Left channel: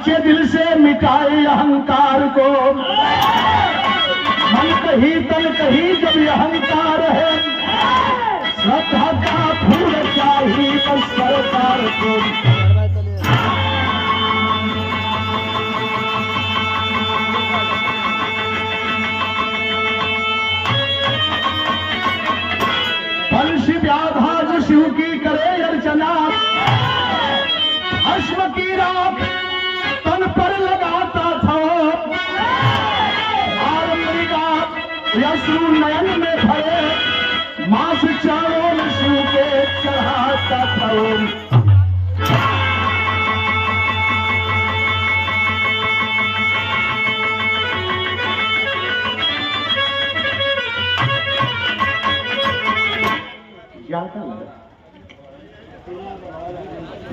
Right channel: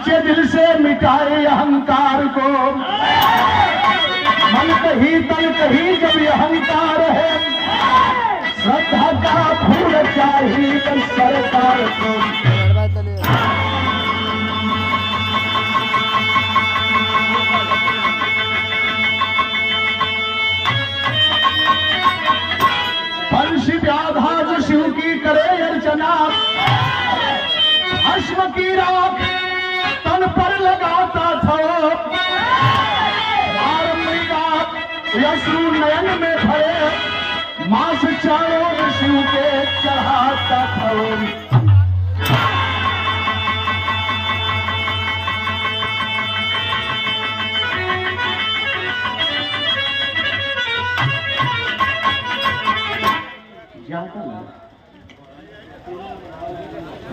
सच्चे दिल से मिटाए अहंकार को, मन कहीं तन कहीं जब अहंकार है, श्रद्धा का फूल चाहिए बस सरकार को। बंशी व्याधा जो शिव की करे अर्चना, अश्व की रात तन पर लगाता था, यशु नयन में भरे मास चारों यशु के चढ़ाता था।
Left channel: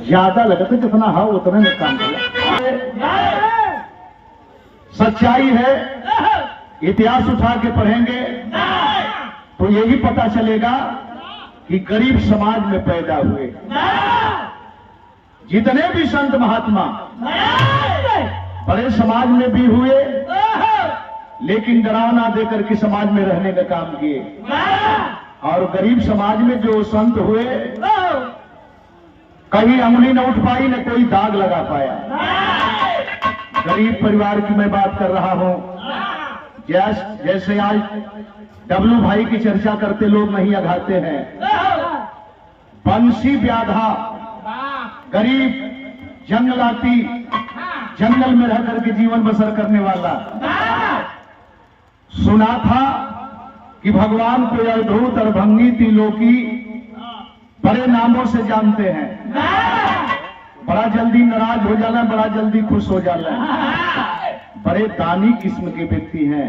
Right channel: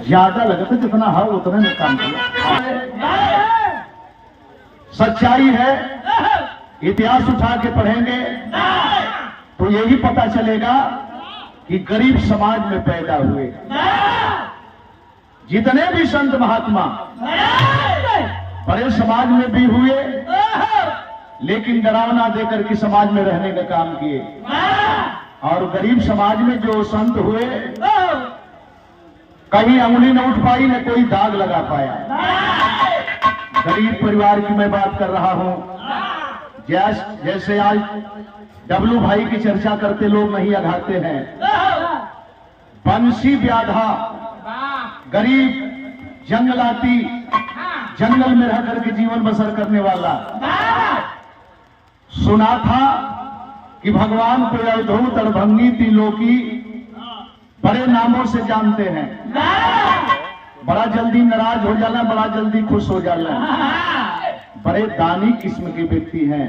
ज्यादा लगा तो जितना हाँ उतना नुकसान किया। सच्चाई है, इतिहास उठा के पढ़ेंगे तो यही पता चलेगा कि गरीब समाज में पैदा हुए। जितने भी संत महात्मा बड़े समाज में भी हुए, लेकिन डरावना देकर के समाज में रहने का काम किए। और गरीब समाज में जो संत हुए, कहीं अंगुली न उठ पाई न कोई दाग लगा पाया। गरीब परिवार की मैं बात कर रहा हूं। जैसे आज डब्लू भाई की चर्चा करते लोग नहीं अघाते हैं, बंशी व्याधा गरीब जंगलाती जंगल में रह करके जीवन बसर करने वाला, सुना था कि भगवान को अवधूत और भंगी त्रिलोकी बड़े नामों से जानते हैं। बड़ा जल्दी नाराज हो जाना, बड़ा जल्दी खुश हो जाना। बड़े दानी किस्म के व्यक्ति हैं।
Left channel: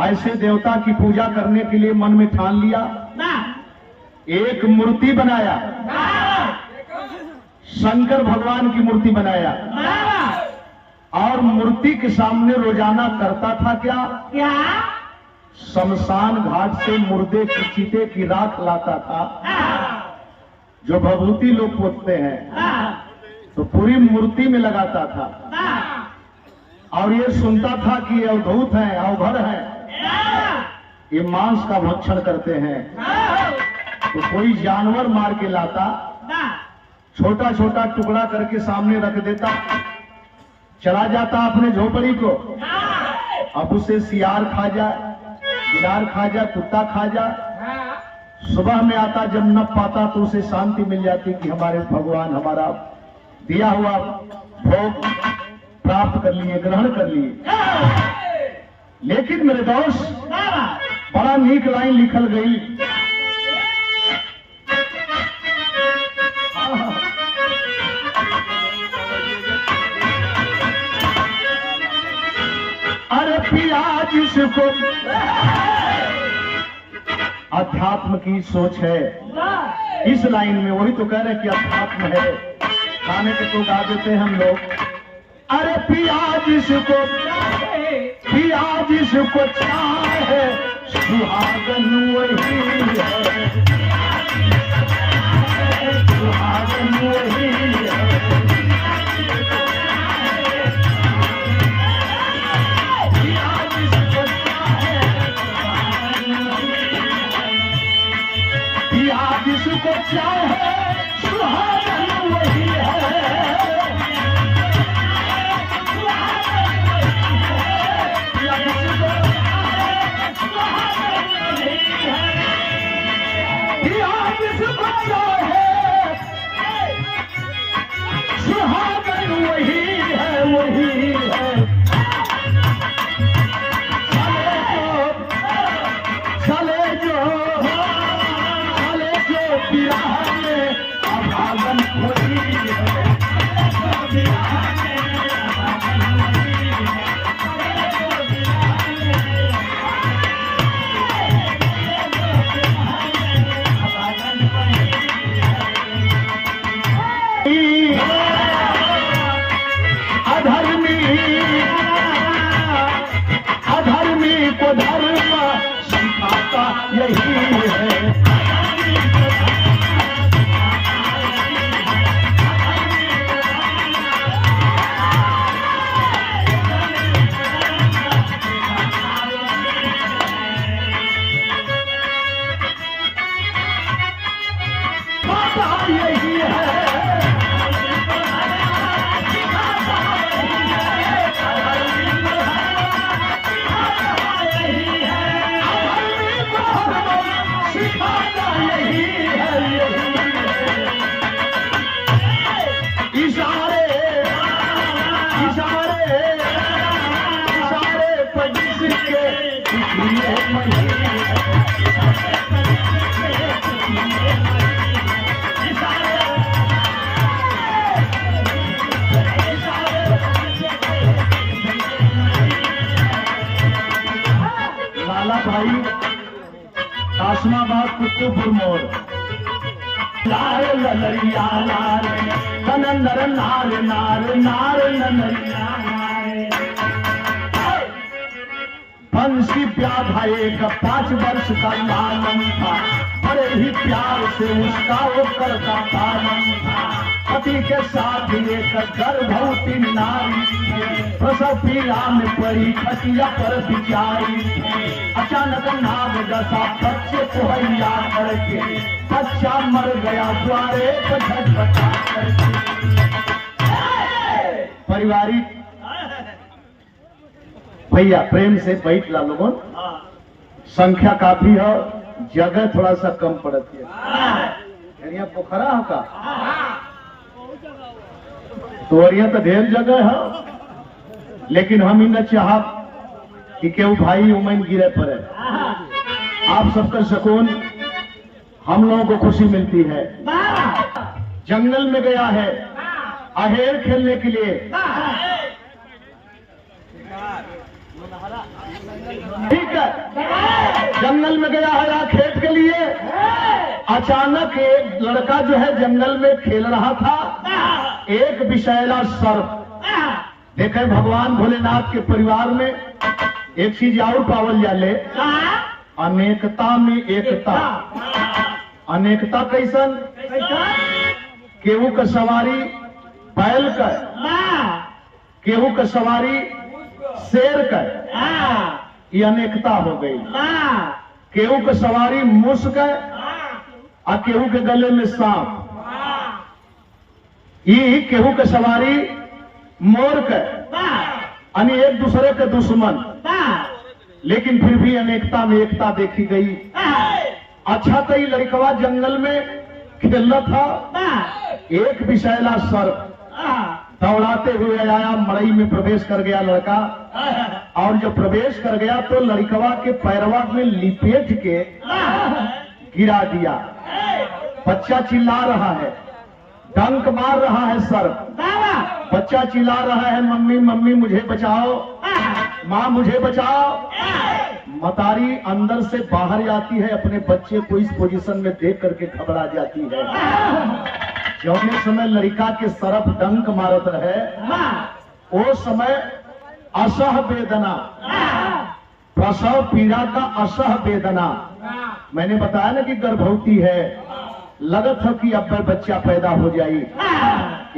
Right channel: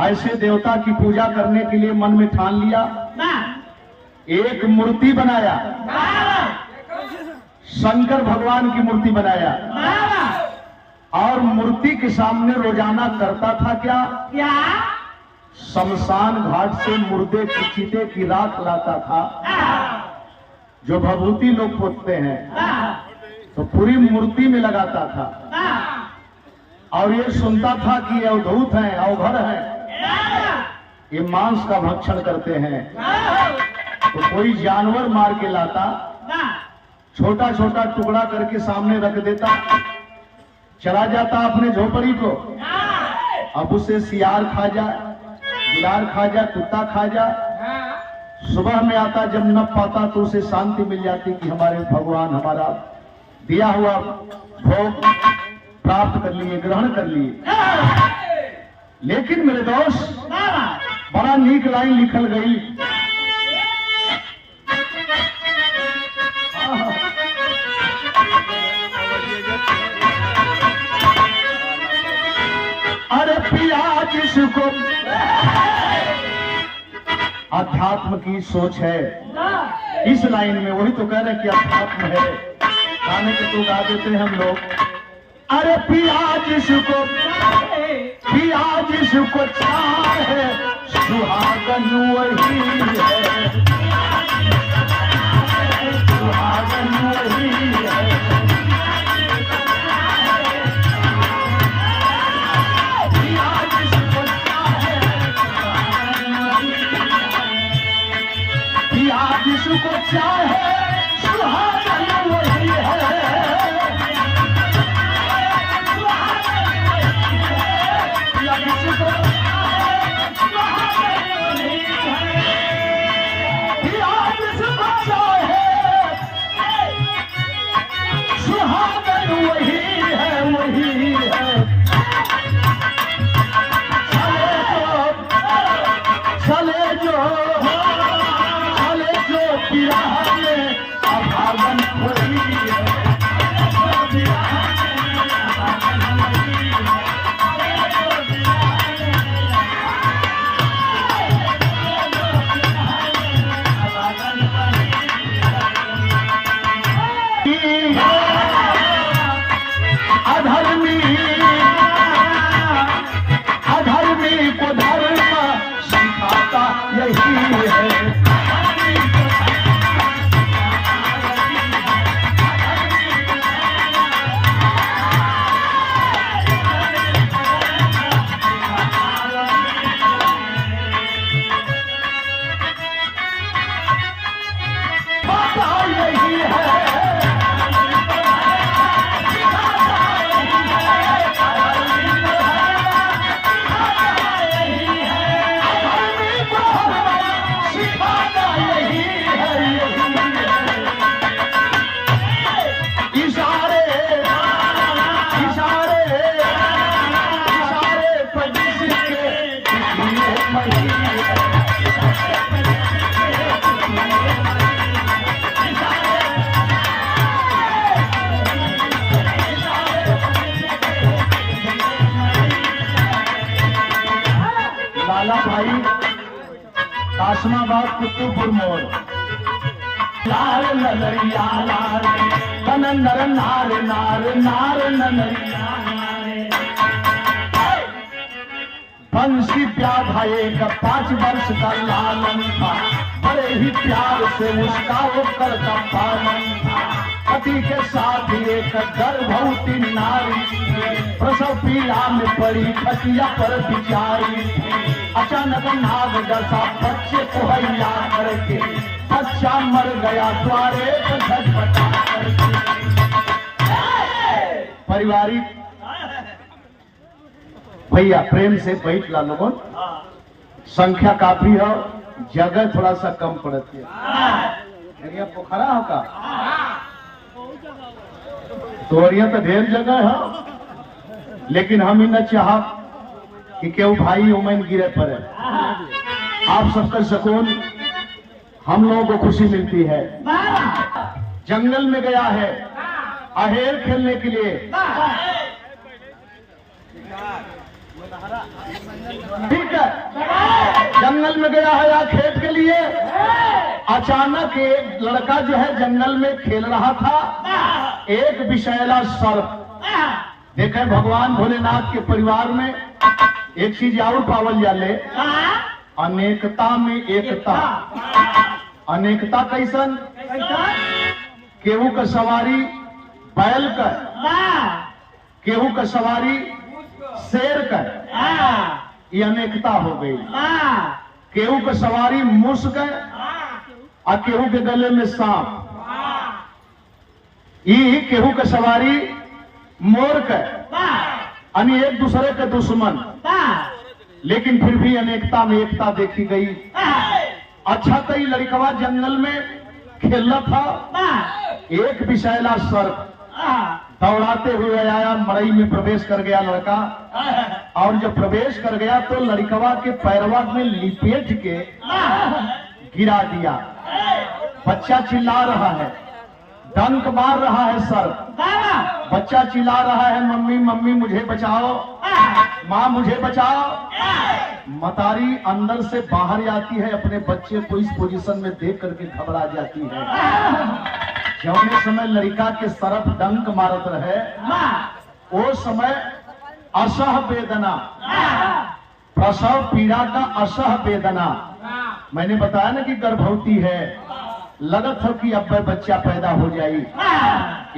ऐसे देवता की पूजा करने के लिए मन में ठान लिया, एक मूर्ति बनाया, शंकर भगवान की मूर्ति बनाया, और मूर्ति के सामने रोजाना करता था क्या? शमशान घाट से मुर्दे की चीते की राख लाता था, जो भभूति लोग पोतते हैं, तो पूरी मूर्ति में लगाता था। और ये सुनता था कि ये अवधूत हैं, अवघड़ हैं, ये मांस का भक्षण करते हैं। तो कोई जानवर मार के लाता, छोटा छोटा टुकड़ा करके सामने रख देता, चला जाता अपने झोपड़ी को। अब उसे सियार खा जाए, बिलार खा जाए, कुत्ता खा जाए, सुबह में आता, जब न पाता तो उसे शांति मिल जाती कि हमारे भगवान हमारा दिया हुआ भोग प्राप्त कर लिए, ग्रहण कर लिए। लेकिन मेरे दोस्त, बड़ा नीक लाइन लिखल गई। अरे पिया जिसको अध्यात्म की सोच है, इस लाइन में वही तो कह रहे कि अध्यात्म है। गाने के तो गा देते हैं हम लोग। अरे पिया जिसको चाहे सुहागन वही है, सुहागन वही है। जिसको चाहे सुहागन वही है, सुहागन वही है, वही है। चले जो बिहार में अभागन वही है, इशारे इशारे इशारे पर जिसके दिखिए लाला भाई काशमाबाद कुतुबपुर मोड़ लाल ललरिया लाल नर नार नार नार ननरिया बंसी प्याधा एक 5 वर्ष का लालन था, बड़े ही प्यार से उसका वो करता पालन था। पति के साथ एक गर्भवती नारी प्रसव पीड़ा में पड़ी खटिया पर बिचारी। अचानक नाग दशा बच्चे को हरिया करके बच्चा मर गया द्वारे पर झटपटा करके। पारिवारिक भैया प्रेम से बैठ ला लोगों, संख्या काफी है, जगह थोड़ा सा कम पड़ती है। पोखरा होगा तोरिया तो ढेर जगह है, लेकिन हम ही न चाह कि केहू भाई उमन गिरे पड़े। आप सबका सुकून हम लोगों को खुशी मिलती है। जंगल में गया है अहेर खेलने के लिए, ठीक है, जंगल में गया है या खेत के लिए। अचानक एक लड़का जो है जंगल में खेल रहा था, एक विषैला सर्प। देखे भगवान भोलेनाथ के परिवार में एक चीज और पावल जाले, अनेकता में एकता। अनेकता कैसन? केहू का सवारी बैल कर, केहू का सवारी शेर कर, ये अनेकता हो गई। केहू का सवारी मूस कर और केहू के गले में सांप, ये केहू का सवारी मोर कर, यानी एक दूसरे के दुश्मन, लेकिन फिर भी अनेकता में एकता देखी गई। अच्छा तो ये लड़कवा जंगल में खेल था, एक विषैला सर्प दौड़ाते हुए आया, मड़ई में प्रवेश कर गया लड़का। और जब प्रवेश कर गया तो लड़कवा के पैरवा में लिपेट के गिरा दिया। बच्चा चिल्ला रहा है, डंक मार रहा है सर्प। बच्चा चिल्ला रहा है, मम्मी मम्मी मुझे बचाओ, माँ मुझे बचाओ। मतारी अंदर से बाहर आती है, अपने बच्चे को इस पोजीशन में देख करके घबरा जाती है। जौने समय लड़का के सरफ डंक मारत रहे, वो समय असह वेदना, प्रसव पीड़ा का असह वेदना। मैंने बताया ना कि गर्भवती है, लगत है कि अब बच्चा पैदा हो जाए।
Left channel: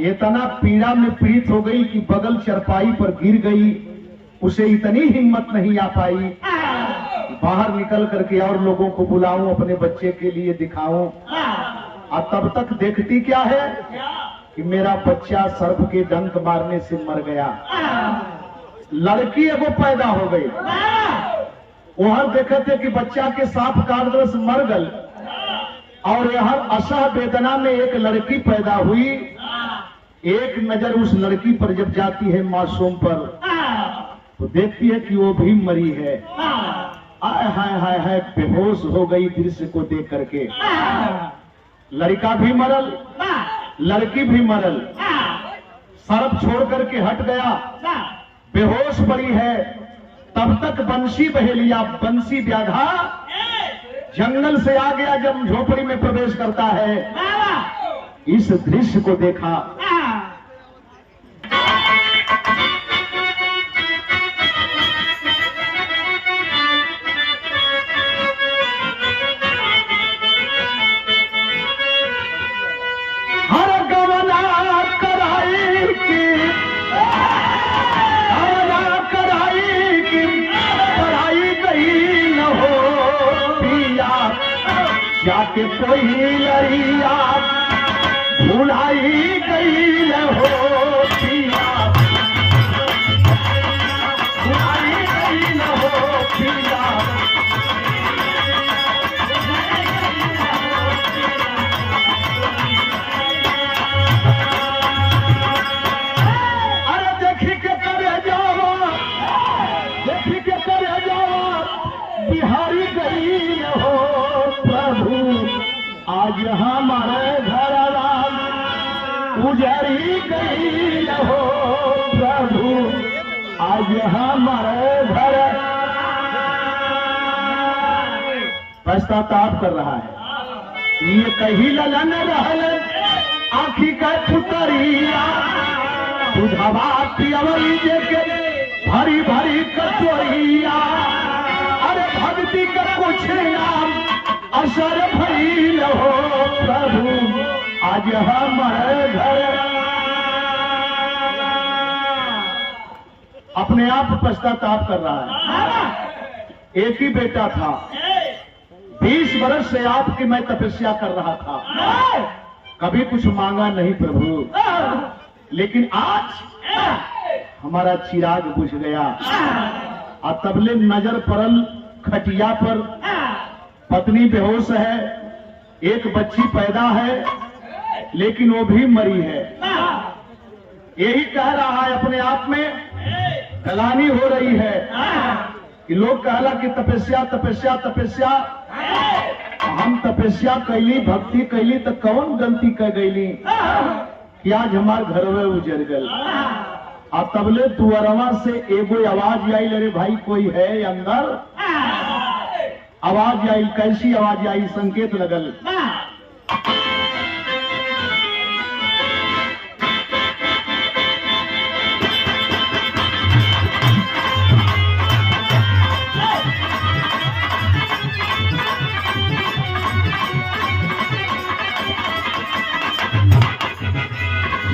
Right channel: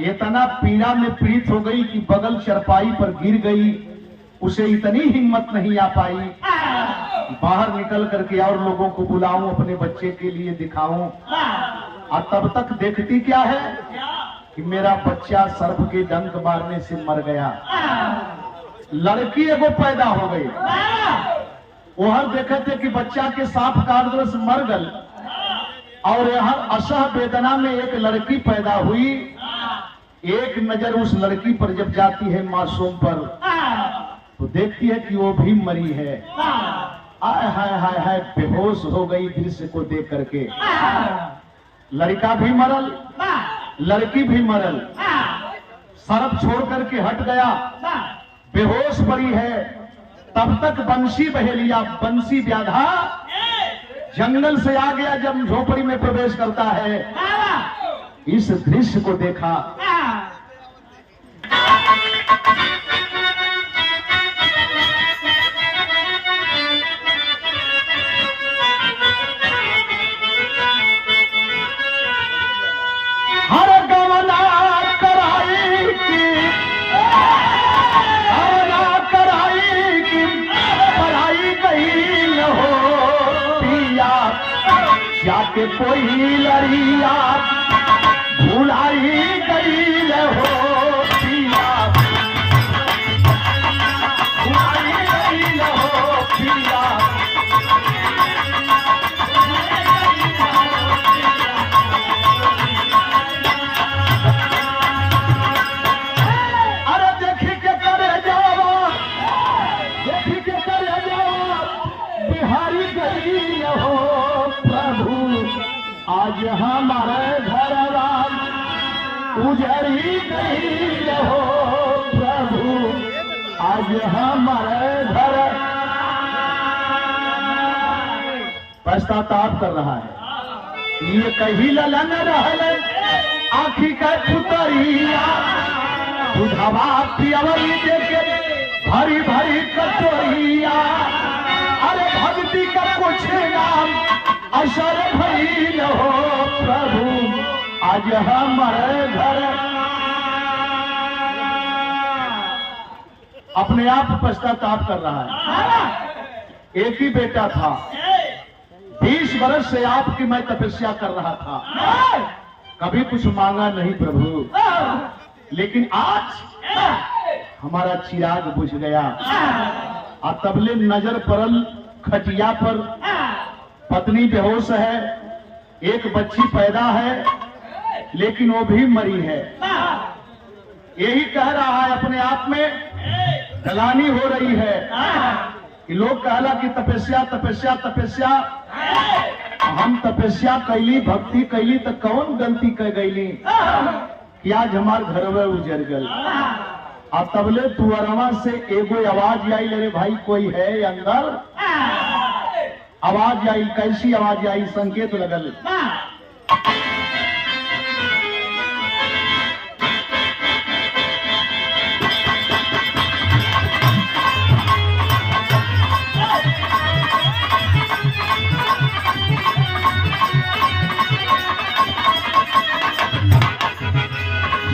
इतना पीड़ा में पीड़ित हो गई कि बगल चरपाई पर गिर गई, उसे इतनी हिम्मत नहीं आ पाई बाहर निकल करके और लोगों को बुलाऊं, अपने बच्चे के लिए दिखाऊं। और तब तक देखती क्या है कि मेरा बच्चा सर्प के डंक मारने से मर गया। लड़की एगो पैदा हो गई, वहां देखे थे कि बच्चा के सांप काट दे मर गल, और हर असह वेदना में एक लड़की पैदा हुई। एक नजर उस लड़की पर जब जाती है मासूम पर, तो देखती है कि वो भी मरी है। आय हाय हाय हाय, बेहोश हो गई दृश्य को देख करके। लड़का भी मरल, लड़की भी मरल। सर्प छोड़ करके हट गया, बेहोश पड़ी है। तब तक बंसी बहेलिया, बंसी व्याधा जंगल से आ गया। जब झोपड़ी में प्रवेश करता है, इस दृश्य को देखा। हर गवना कराई की पढ़ाई गई हो पिया, जाके कोई लड़िया भुलाई गई हो पिया, भुलाई गई हो पिया। उजरी गई हो प्रभु आज हमारे घर। पश्चाताप कर रहा है। ये कही ललन रहल आखी का पुतरिया बुधवा पियवरी देके भरी भरी कटोरिया। अरे भक्ति का कुछ नाम असर भइल हो प्रभु आज हमारे घर। अपने आप पश्चाताप कर रहा है। एक ही बेटा था, 20 वर्ष से आपकी मैं तपस्या कर रहा था, कभी कुछ मांगा नहीं प्रभु, लेकिन आज हमारा चिराग बुझ गया। और तबले नजर पड़ल खटिया पर, पत्नी बेहोश है, एक बच्ची पैदा है लेकिन वो भी मरी है। यही कह रहा है अपने आप में, गलानी हो रही है कि लोग कहला कि तपस्या तपस्या तपस्या। हम तपस्या कैली, भक्ति कैली तो कौन गलती कर गईली कि आज हमार घर में उजर गल। और तबले तुअरवा से एगो आवाज आई, ले रे भाई कोई है अंदर। आवाज आई, कैसी आवाज आई? संकेत लगल।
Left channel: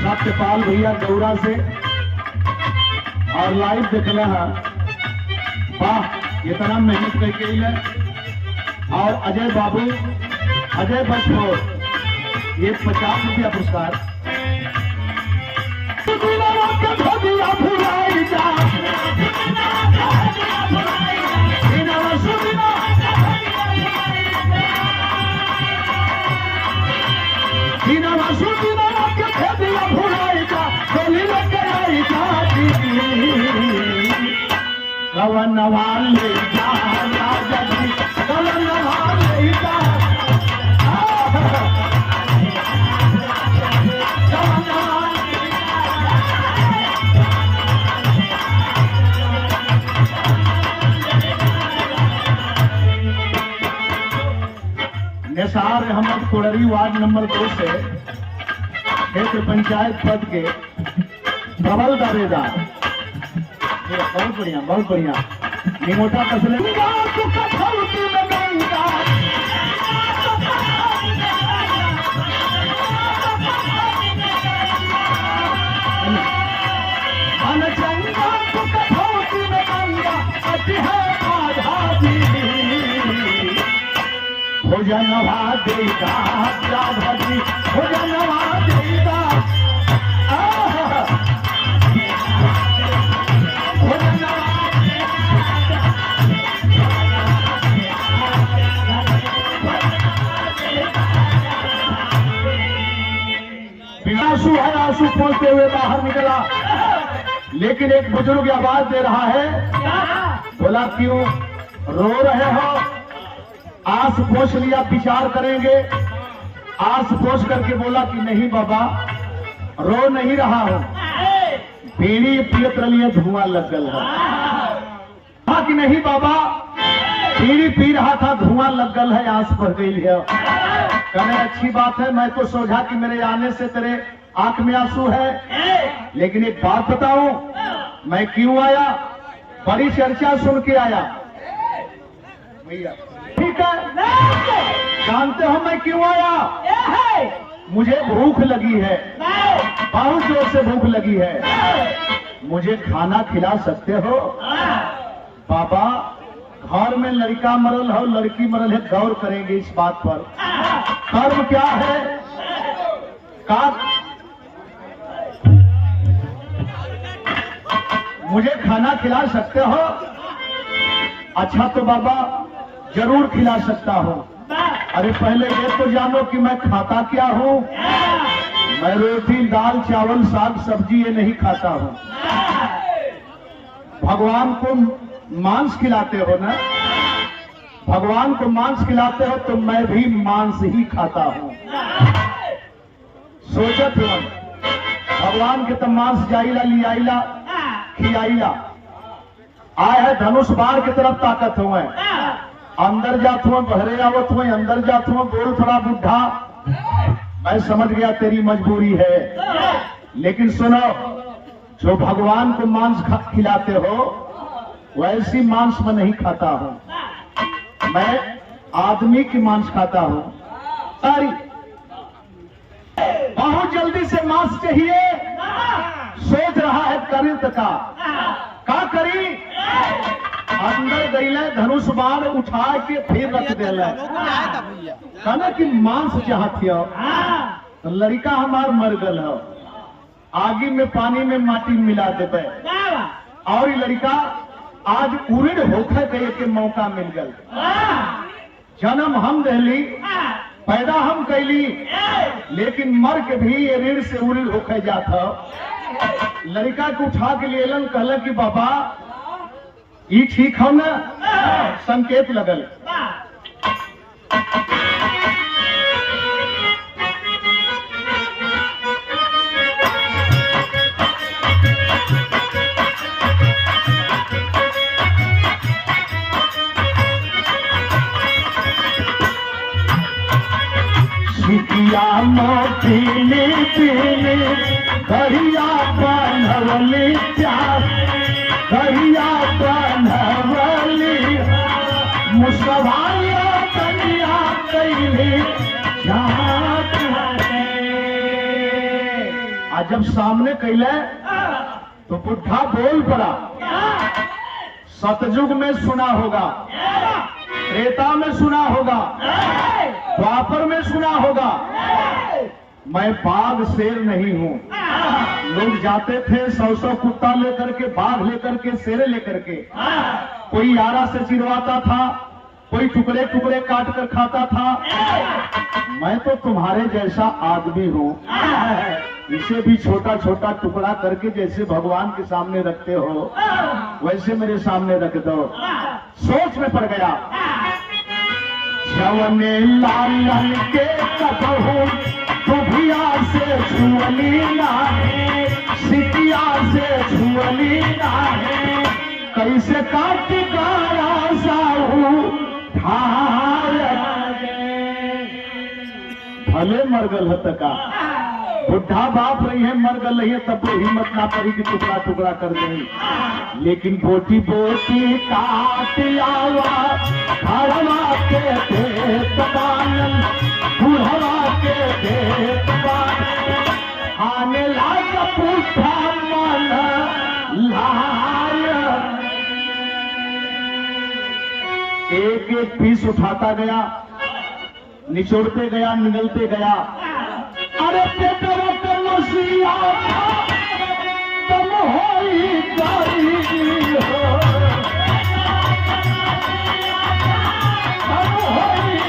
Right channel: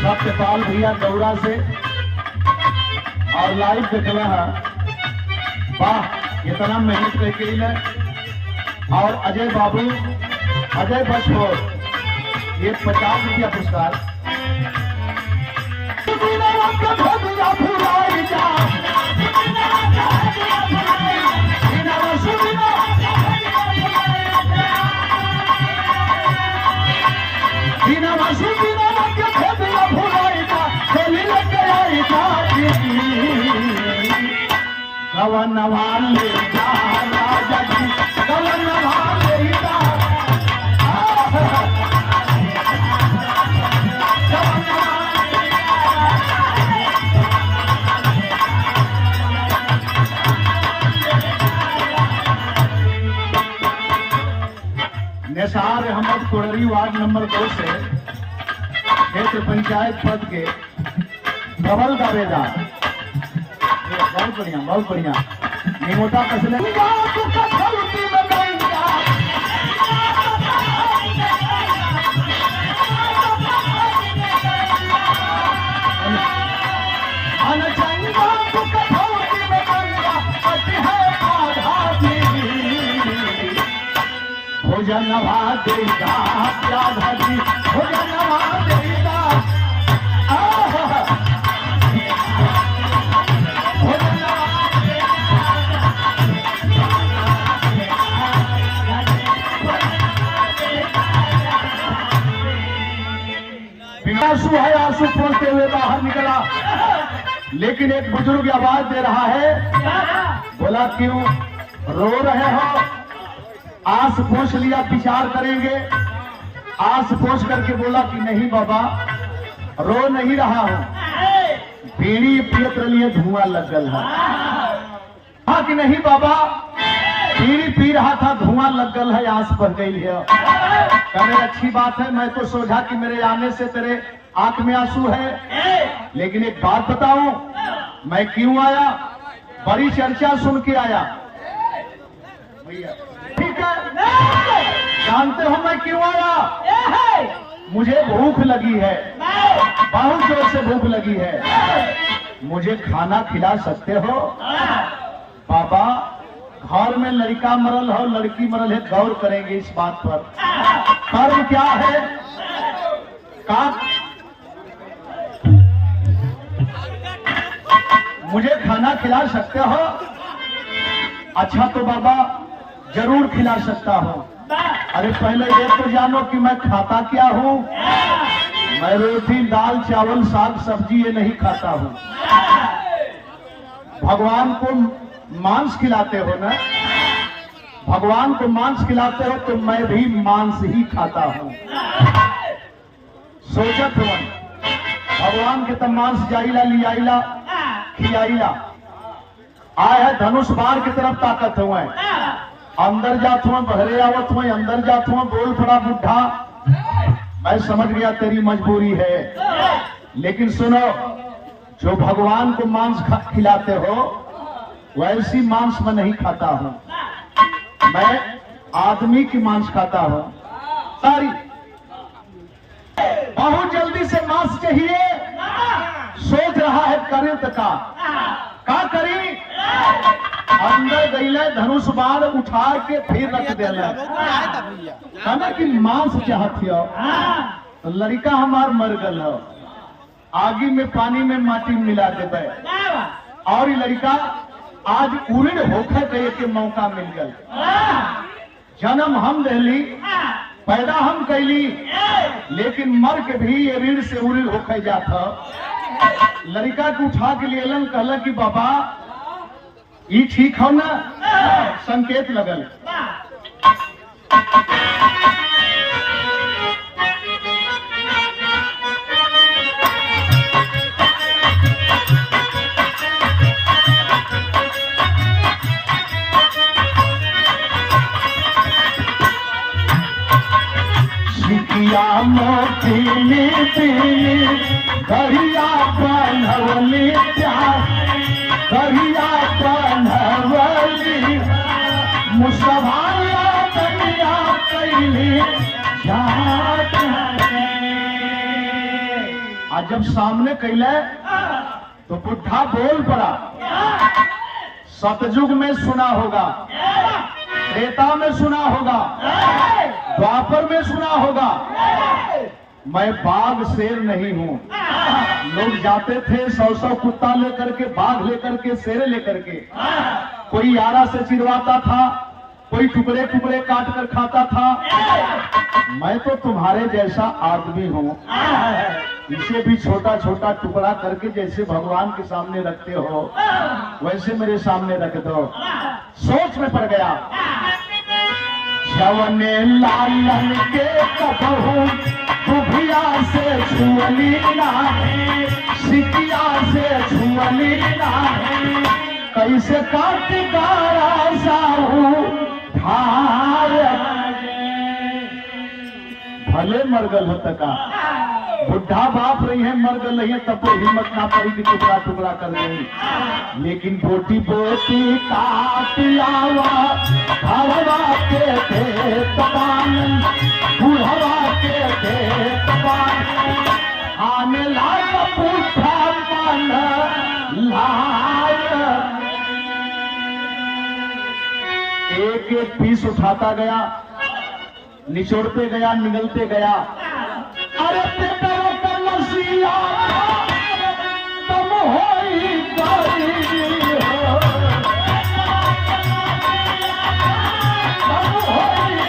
सत्यपाल भैया गौरा से और लाइव देखना है। वाह इतना मेहनत करके है। और अजय बाबू, अजय बसपोर, ये 50 रुपया पुरस्कार। कवन वाले कवन वाले निसार अहमद कुड़री वार्ड नंबर 2 से क्षेत्र पंचायत पद के प्रबल दावेदार। बहुत बढ़िया, बहुत बढ़िया। निमोटा कसले भोजनवा देगा राधाजी, भोजनवा देगा। आंसू है, आंसू पोंछते हुए बाहर निकला, लेकिन एक बुजुर्ग आवाज दे रहा है। बोला क्यों रो रहे हो? आंस पोंछ लिया, विचार करेंगे। आंस पोंछ करके बोला कि नहीं बाबा रो नहीं रहा हूं, बीड़ी पियत रही धुआं लग गल है। कहा कि नहीं बाबा बीड़ी पी रहा था, धुआं लग गल है, आंस भर गई है। कहने अच्छी बात है, मैं तो सोचा कि मेरे आने से तेरे आंख में आंसू है, लेकिन एक बात बताऊं मैं क्यों आया? बड़ी चर्चा सुन के आया। ठीक है, जानते हो मैं क्यों आया? मुझे भूख लगी है, बहुत जोर से भूख लगी है। मुझे खाना खिला सकते हो? बाबा घर में लड़का मरल हो, लड़की मरल है, गौर करेंगे इस बात पर। कर्म क्या है? का मुझे खाना खिला सकते हो? अच्छा तो बाबा जरूर खिला सकता हूँ। अरे पहले ये तो जानो कि मैं खाता क्या हूँ। मैं रोटी दाल चावल साग सब्जी ये नहीं खाता हूँ। भगवान को मांस खिलाते हो ना, भगवान को मांस खिलाते हो तो मैं भी मांस ही खाता हूँ। सोचत हुआ भगवान के तो मांस जाइला लियाइला खियाइला आए है धनुष बाण की तरफ ताकत हुए अंदर जात हुए बहरे आवत हुए अंदर जात हुए बोल पड़ा बुढ़ा मैं समझ गया तेरी मजबूरी है लेकिन सुनो जो भगवान को मांस खिलाते हो वैसी मांस मैं नहीं खाता हूं मैं आदमी की मांस खाता हूं सारी बहुत जल्दी से मांस चाहिए सोच रहा है करे तो का करी अंदर गईले धनुष बाण उठा के फिर रख देला कहना कि मांस चाहती हो तो लड़का हमार मर गल हो आगे में पानी में माटी मिला देवे और ये लड़का आज उड़ होकर गए के मौका मिल गल जन्म हम दहली पैदा हम कैली लेकिन मर के भी ये रीढ़ से उड़ होकर जाता लड़का को उठा के लिए कहल कि बाबा ये ठीक हो ना संकेत लगल सिकिया मोतीली पीली गरिया बांधवली गरिया बांधवली मुसवाया कन्या कैली आज जब सामने कैले तो बुढ़ा बोल पड़ा सतयुग में सुना होगा त्रेता में सुना होगा द्वापर में सुना होगा मैं बाघ शेर नहीं हूं लोग जाते थे 100 कुत्ता लेकर के बाघ लेकर के शेर लेकर के कोई आरा से चिरवाता था कोई टुकड़े टुकड़े काट कर खाता था मैं तो तुम्हारे जैसा आदमी हूं इसे भी छोटा छोटा टुकड़ा करके जैसे भगवान के सामने रखते हो वैसे मेरे सामने रख दो सोच में पड़ गया जवने लालन के कबहू बुभिया से छुअली नाहे सिकिया से छुअली नाहे कैसे काटकारा साहू ठार भले मरगल हत का बुढ़ा बाप रही है मर गल रही है तब तो हिम्मत ना पड़ी कि टुकड़ा टुकड़ा कर दे लेकिन बोटी बोटी काटियावा भरवा के पेट बानन बुढ़वा के पेट बानन आने लाग पूछा मन लाय एक एक पीस उठाता गया निचोड़ते गया निगलते गया अरे पेपर कर नसिया तुम होई गई हो तुम होई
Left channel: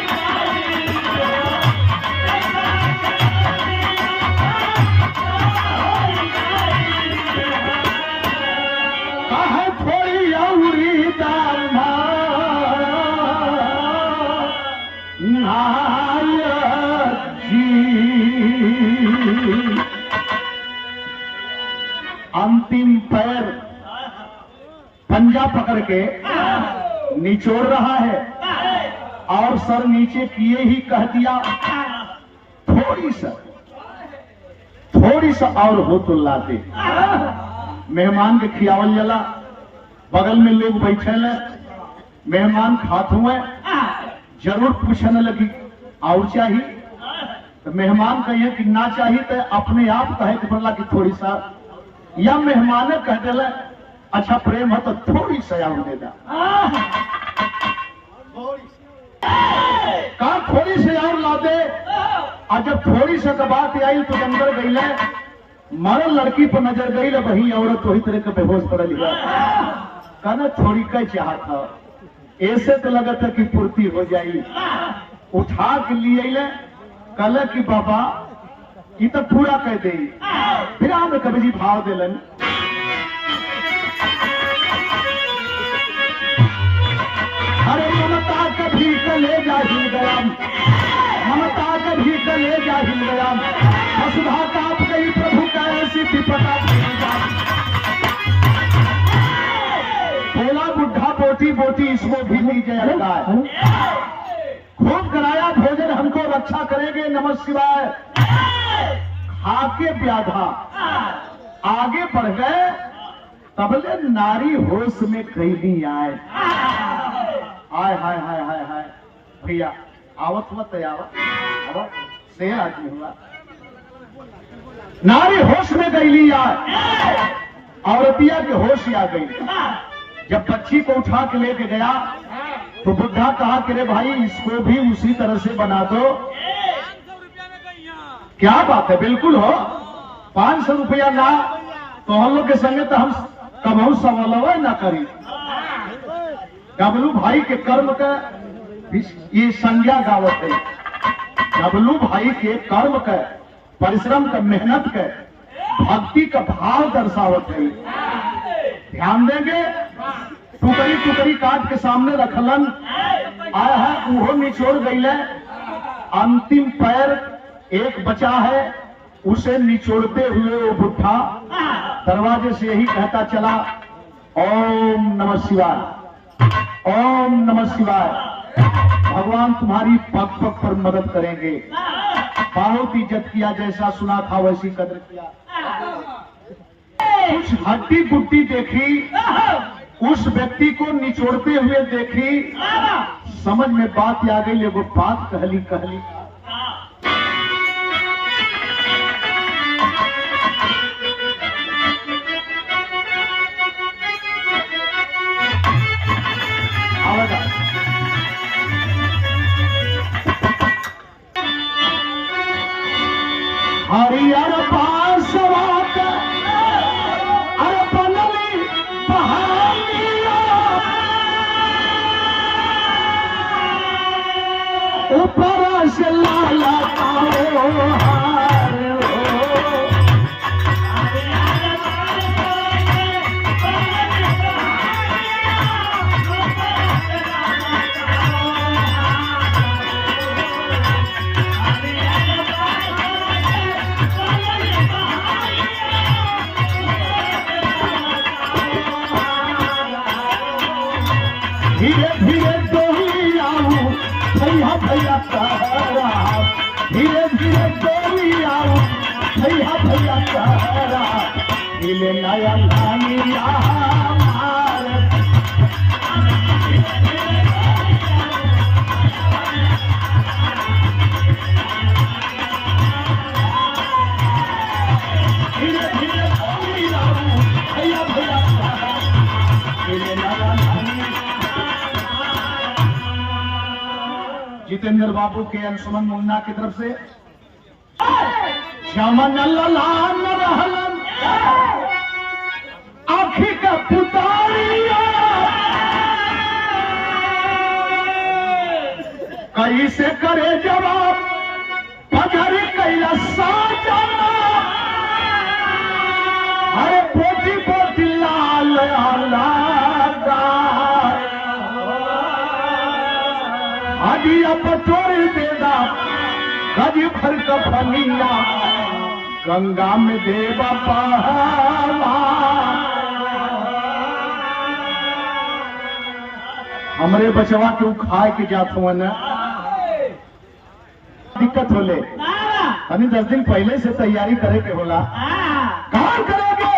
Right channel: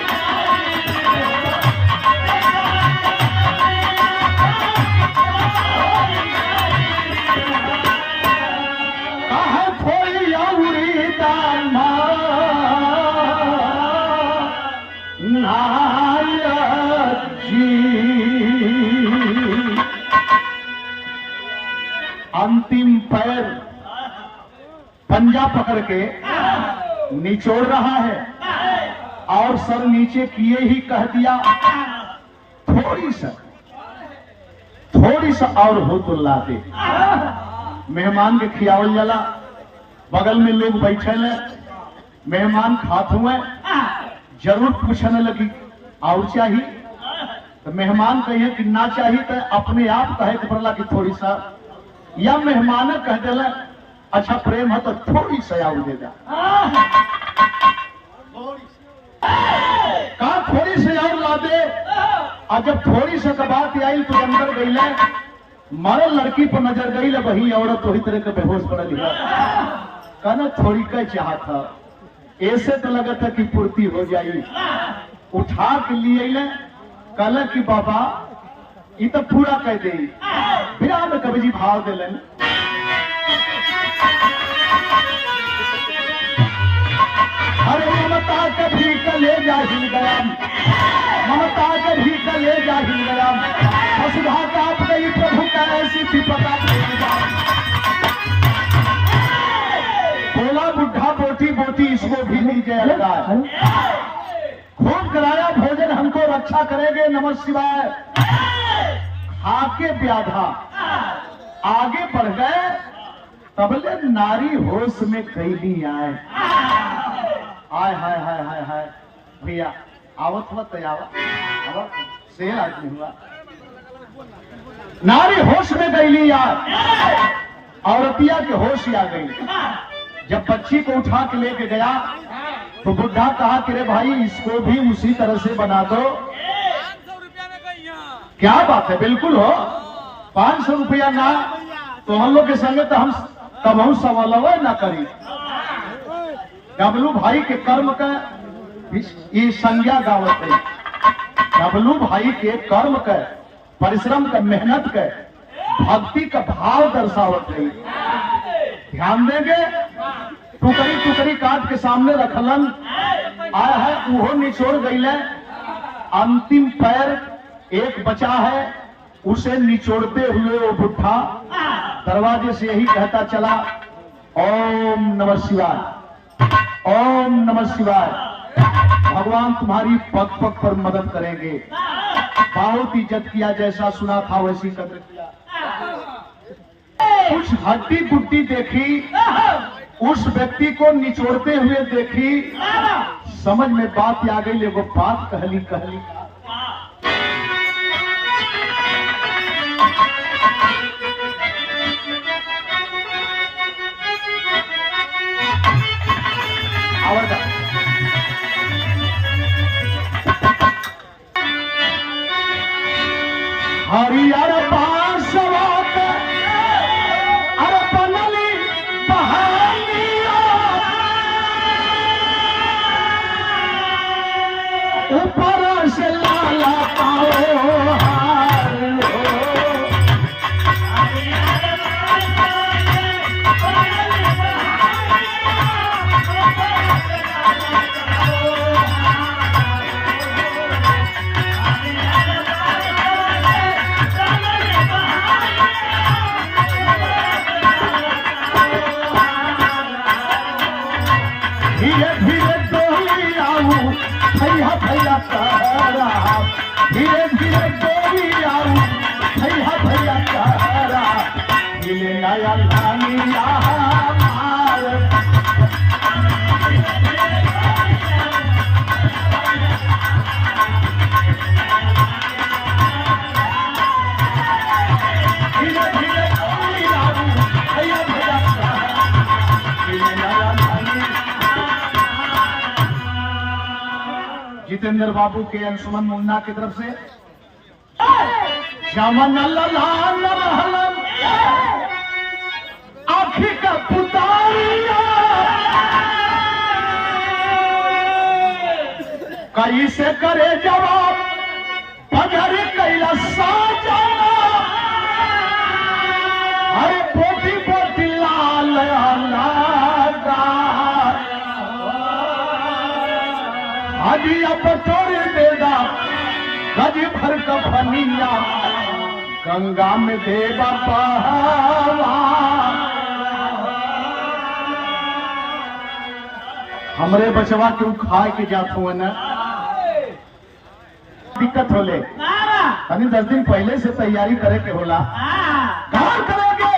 कहा थोड़ी औरी दामा अंतिम पैर पंजा पकड़ के निचोड़ रहा है और सर नीचे किए ही कह दिया थोड़ी सा और हो तो लाते मेहमान के खियावल जला बगल में लोग बैठे ले मेहमान खात हुए जरूर पूछने लगी और चाहिए तो मेहमान कहे कि ना चाहिए तो अपने आप कहे कि बोला कि थोड़ी सा या मेहमान कह दिला अच्छा प्रेम है तो थोड़ी सा और दे दा कहा थोड़ी सी और ला दे और जब थोड़ी सा बात आई तो अंदर गई ले मरल लड़की पर नजर गई ले वही औरत वही तरह के बेहोश पड़ा लिखा कहना थोड़ी का चाह था ऐसे तो लगा था कि पूर्ति हो जाएगी उठा के लिए कल की बाबा ये तो पूरा कह दे फिर हमें कभी जी भाव दिलन अरे ममता कभी कले जाही गयम ममता कभी कले जाही गयम वसुधा काट गई प्रभु का ऐसी पका बोला बुढ़ा बोटी बोटी इसको भी लीजिए लगाए। खूब कराया भोजन हमको रक्षा करेंगे नमः शिवाय। खाके व्याधा आगे बढ़ गए तबले नारी होश में कैली आए। हाय हाय हाय हाय हाय भैया आवत हुआ तयावा से आदमी हुआ नारी होश में गईली आए। औरतिया के होश आ गई। जब बच्ची को उठा के लेके गया तो बुढ़ा कहा कि रे भाई इसको भी उसी तरह से बना दो। क्या बात है, बिल्कुल हो। 500 रुपया ना तो हम लोग के संगे तो हम कमाऊ सवाल ना करी। डबलू भाई के कर्म का ये संज्ञा गावत है। डबलू भाई के कर्म का परिश्रम का मेहनत का भक्ति का भाव दर्शावत है। ध्यान देंगे टुकड़ी टुकड़ी काट के सामने रखलन आया है वो निचोड़ गई। अंतिम पैर एक बचा है उसे निचोड़ते हुए वो बुढ़ा दरवाजे से यही कहता चला ओम नमः शिवाय, ओम नमः शिवाय। भगवान तुम्हारी पग पग पर मदद करेंगे। बहुत इज्जत किया, जैसा सुना था वैसी कदर किया। कुछ हड्डी गुड्डी देखी, उस व्यक्ति को निचोड़ते हुए देखी। समझ में बात आ गई। वो बात कहली कहली आवाज हरियर पासवात अरे बनली बहालिया ऊपर से लाला पाओ हार हो। धीरे धीरे डोली आऊ भैया भैया कहरा, धीरे धीरे डोली आऊ भैया भैया कहरा। मिले नया लानिया मार धीरे धीरे डोली आऊ भैया भैया कहरा। मिले नया जितेंद्र बाबू के अंशुमन मुन्ना की तरफ से श्यामन ललान रहलन आँखी का पुतारिया करी से करे जवाब पधर कैला साजा। अरे पोती पोती लाल हदिया पतोड़ देगा गज भर का फलिया गंगा में देवा पहावा। हमरे बचवा क्यों खाए के जात हुआ न दिक्कत होले अभी 10 दिन पहले से तैयारी करे के होला। कहाँ करेंगे?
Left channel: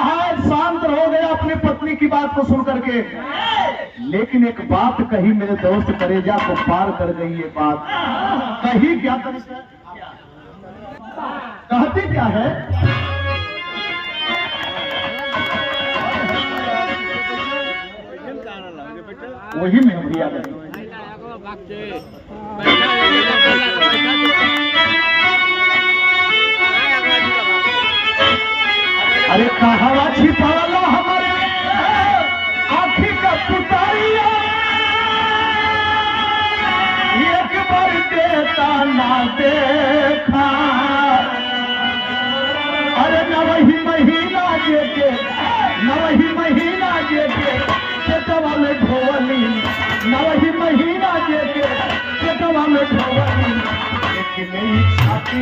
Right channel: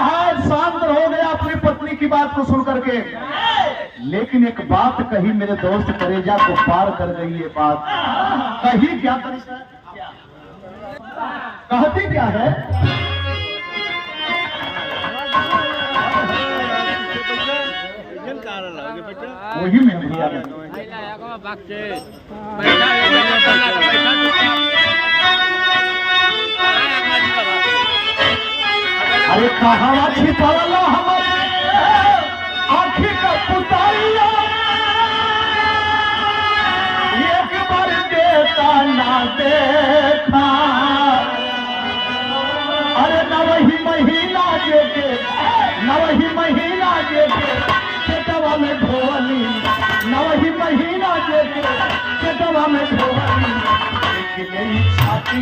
हाय शांत हो गया अपनी पत्नी की बात को सुन करके। लेकिन एक बात कही मेरे दोस्त करेजा को पार कर गई। ये बात कही क्या करी सर? कहती क्या है? वही में भैया अरे कहावा छिपाला हमारे आँखी का पुतारिया एक बार देता ना देखा। अरे न वही महीना जेके न वही महीना जेके चेतवा में धोवली न वही महीना जेके चेतवा में धोवली। लेकिन छाती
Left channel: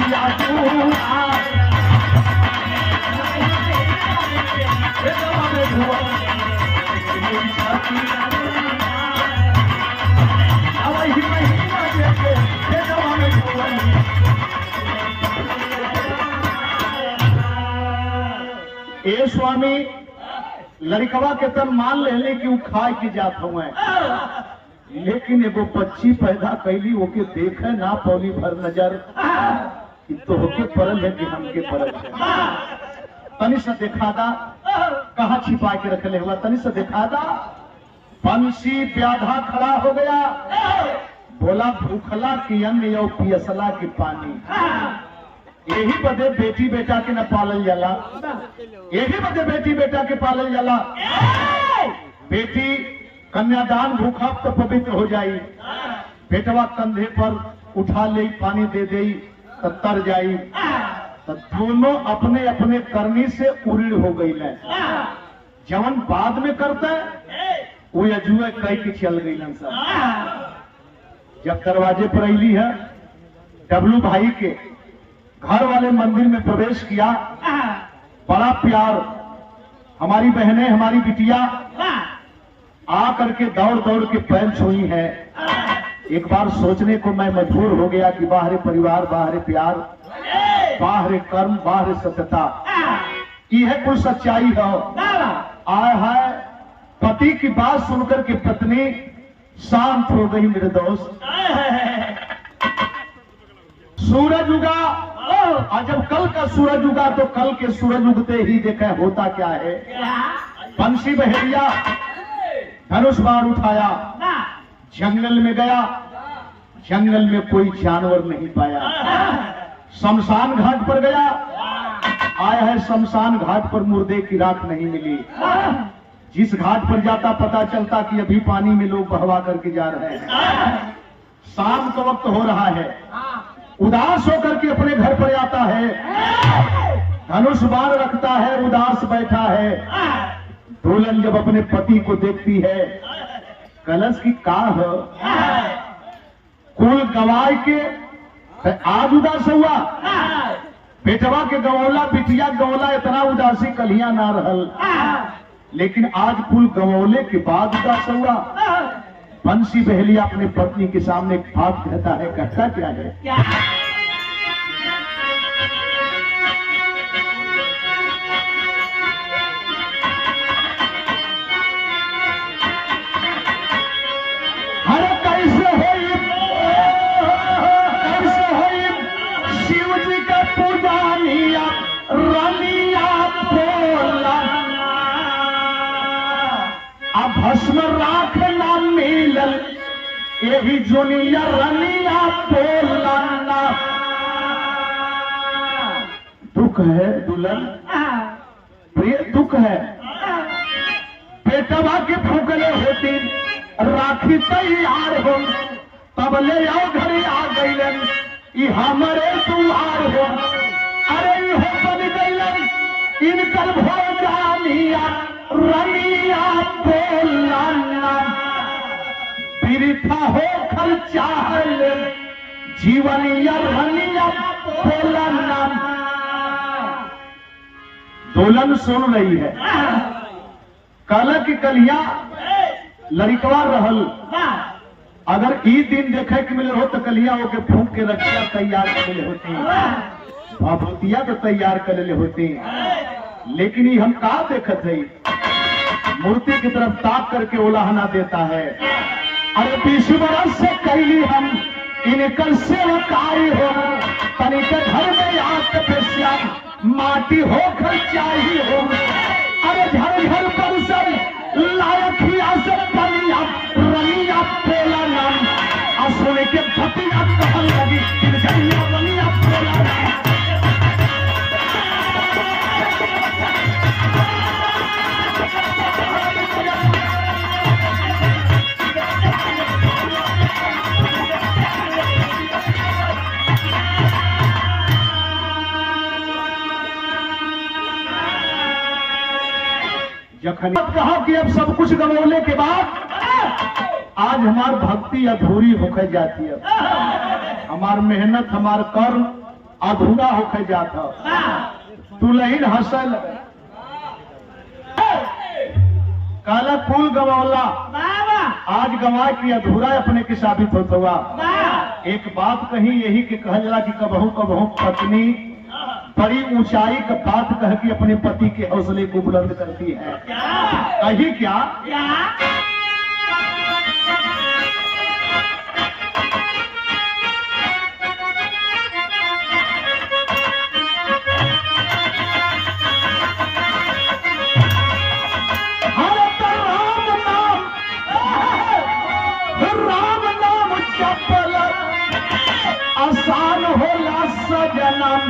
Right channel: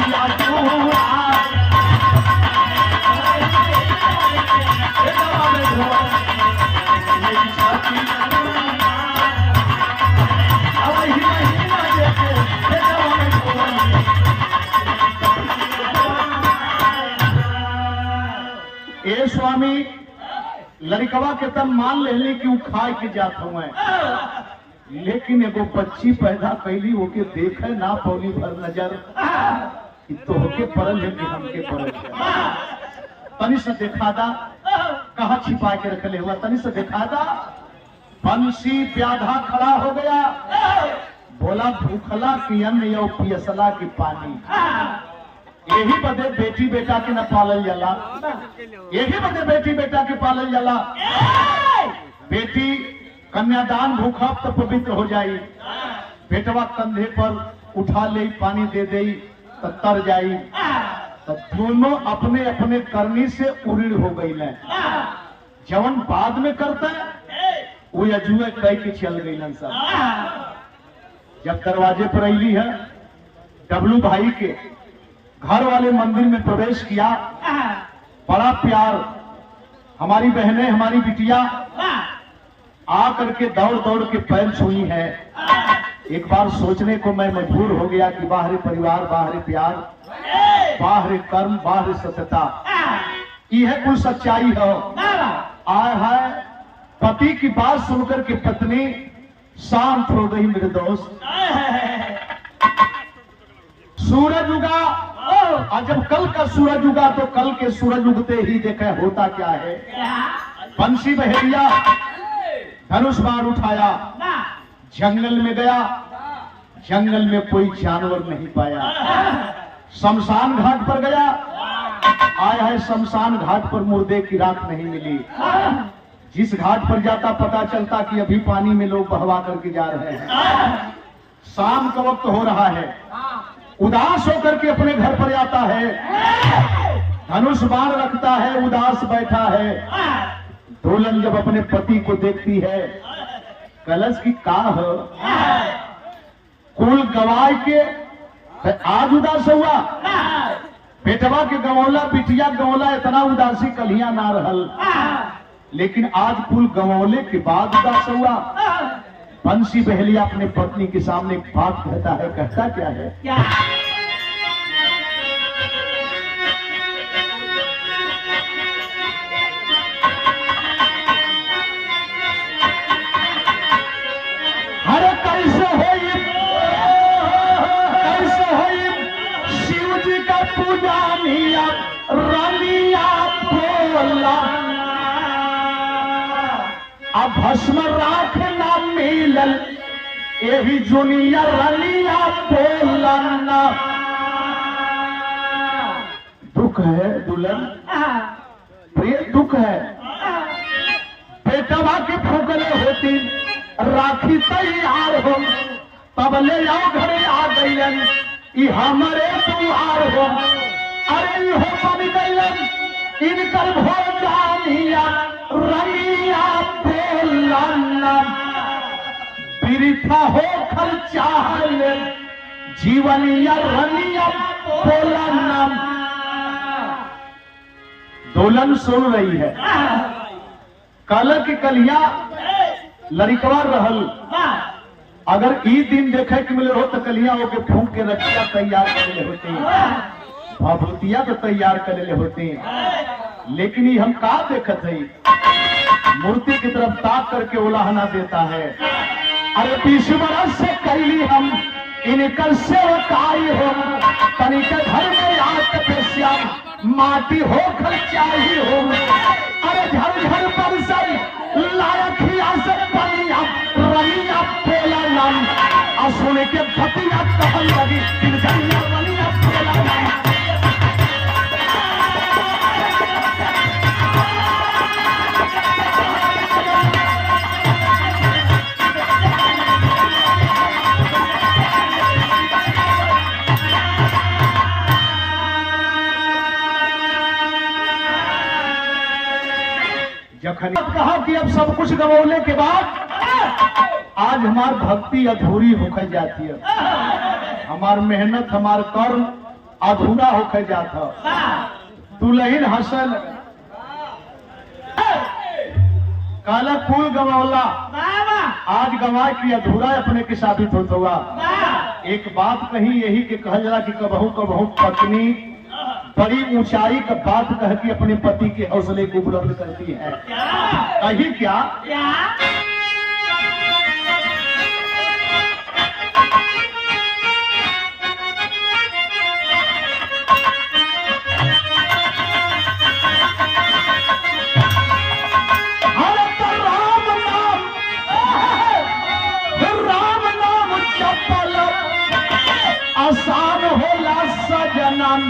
ए स्वामी लड़कवा के तन मान ले कि वो खाए के जात हुए, लेकिन एगो बच्ची पैदा कैली ओके देखे ना पौली भर नजर कि तो होके पड़ल है कि हमके पड़ल है। तनी से देखा दा कहाँ छिपा के रखले हुआ, तनी से देखा दा। बंसी प्याधा खड़ा हो गया, बोला भूखला की अन्न यो पियसला की पानी। यही बदे बेटी बेटा के न पालल जाला, यही बदे बेटी बेटा के पालल जाला। बेटी कन्यादान भूखा तो पवित्र हो जाई, बेटवा कंधे पर उठा ले पानी दे दे तो तर जाई, तो दोनों अपने अपने करनी से उड़ी हो गई है। जवन बाद में करता है वो अजुए कह के चल गई सब। जब दरवाजे पर अली है, डब्लू भाई के घर वाले मंदिर में प्रवेश किया, बड़ा प्यार, हमारी बहनें हमारी बिटिया आ करके दौड़ दौड़ के पैर छुई है। एक बार सोचने को मैं मजबूर हो गया कि बाहर परिवार, बाहर प्यार, बाहर कर्म, बाहर सत्यता, यह कुछ सच्चाई है। आय है पति की बात सुनकर के पत्नी शांत हो गई। मेरे दोस्त सूरज उगा, और जब कल का सूरज उगा तो कल के सूरज उगते ही देखा होता क्या है। बंसी बहेलिया धनुष बाण उठाया, जंगल में गया, जंगल में कोई जानवर नहीं पाया। शमशान घाट पर गया, आया है शमशान घाट पर मुर्दे की राख नहीं मिली। जिस घाट पर जाता पता चलता कि अभी पानी में लोग बहवा करके जा रहे हैं। शाम का वक्त हो रहा है, उदास होकर के अपने घर पर आता है, धनुष बाण रखता है, उदास बैठा है। दुल्हन जब अपने पति को देखती है, कलश की का हो, कुल गवाए के आज उदास हुआ, बेटवा के गवौला बिटिया गवौला इतना उदासी कलिया ना रहल, लेकिन आज कुल गवौले के बाद उदास हुआ। बंसी बहेलिया अपने पत्नी के सामने एक बात कहता है, कहता क्या है? भस्म राख ना मिलल यही जुनिया रलिया बोलना। दुख है दुल्हन, प्रिय दुख है। बेटवा के फूकले होती राखी तैयार हो, तब ले आओ घरे आ गईलन ई हमारे दुआर हो। अरे हो बन गईलन इनकर भोजानिया रलिया बोलना। बिरथा हो खल चाहले जीवनिया रलिया बोलना। दुल्हन सुन रही है, कल की कलिया लड़कवा रहल, अगर ई दिन देखे कि मिले हो तो कलिया होके फूंक के रखिया तैयार कर ले होती, भभूतिया को तैयार कर ले होती। लेकिन ये हम का देखत है, मूर्ति की तरफ ताक करके उलाहना देता है। अरे 20 बरस से कैली हम इनकर सेवकारी हो, तनिक घर में आज तपस्या माटी हो खर्चाई हो। अरे घर घर बरसई लायकिया से बनिया रलिया बोला नाम, और सुन के भतिया कहन लगी रलिया रलिया बोला नाम। कहा कि अब सब कुछ गवौले के बाद आज हमार भक्ति अधूरी होकर जाती है, हमार मेहनत हमार कर्म अधूरा होकर जाता। दुल्हन हसल काला फूल गवौला, आज गवा की अधूरा अपने के साबित होता हुआ। एक बात कही यही के कहल जरा कि कबहू कबहू पत्नी बड़ी ऊंचाई का बात कह के अपने पति के हौसले को बुलंद करती है। कही क्या? आसान होला सजनम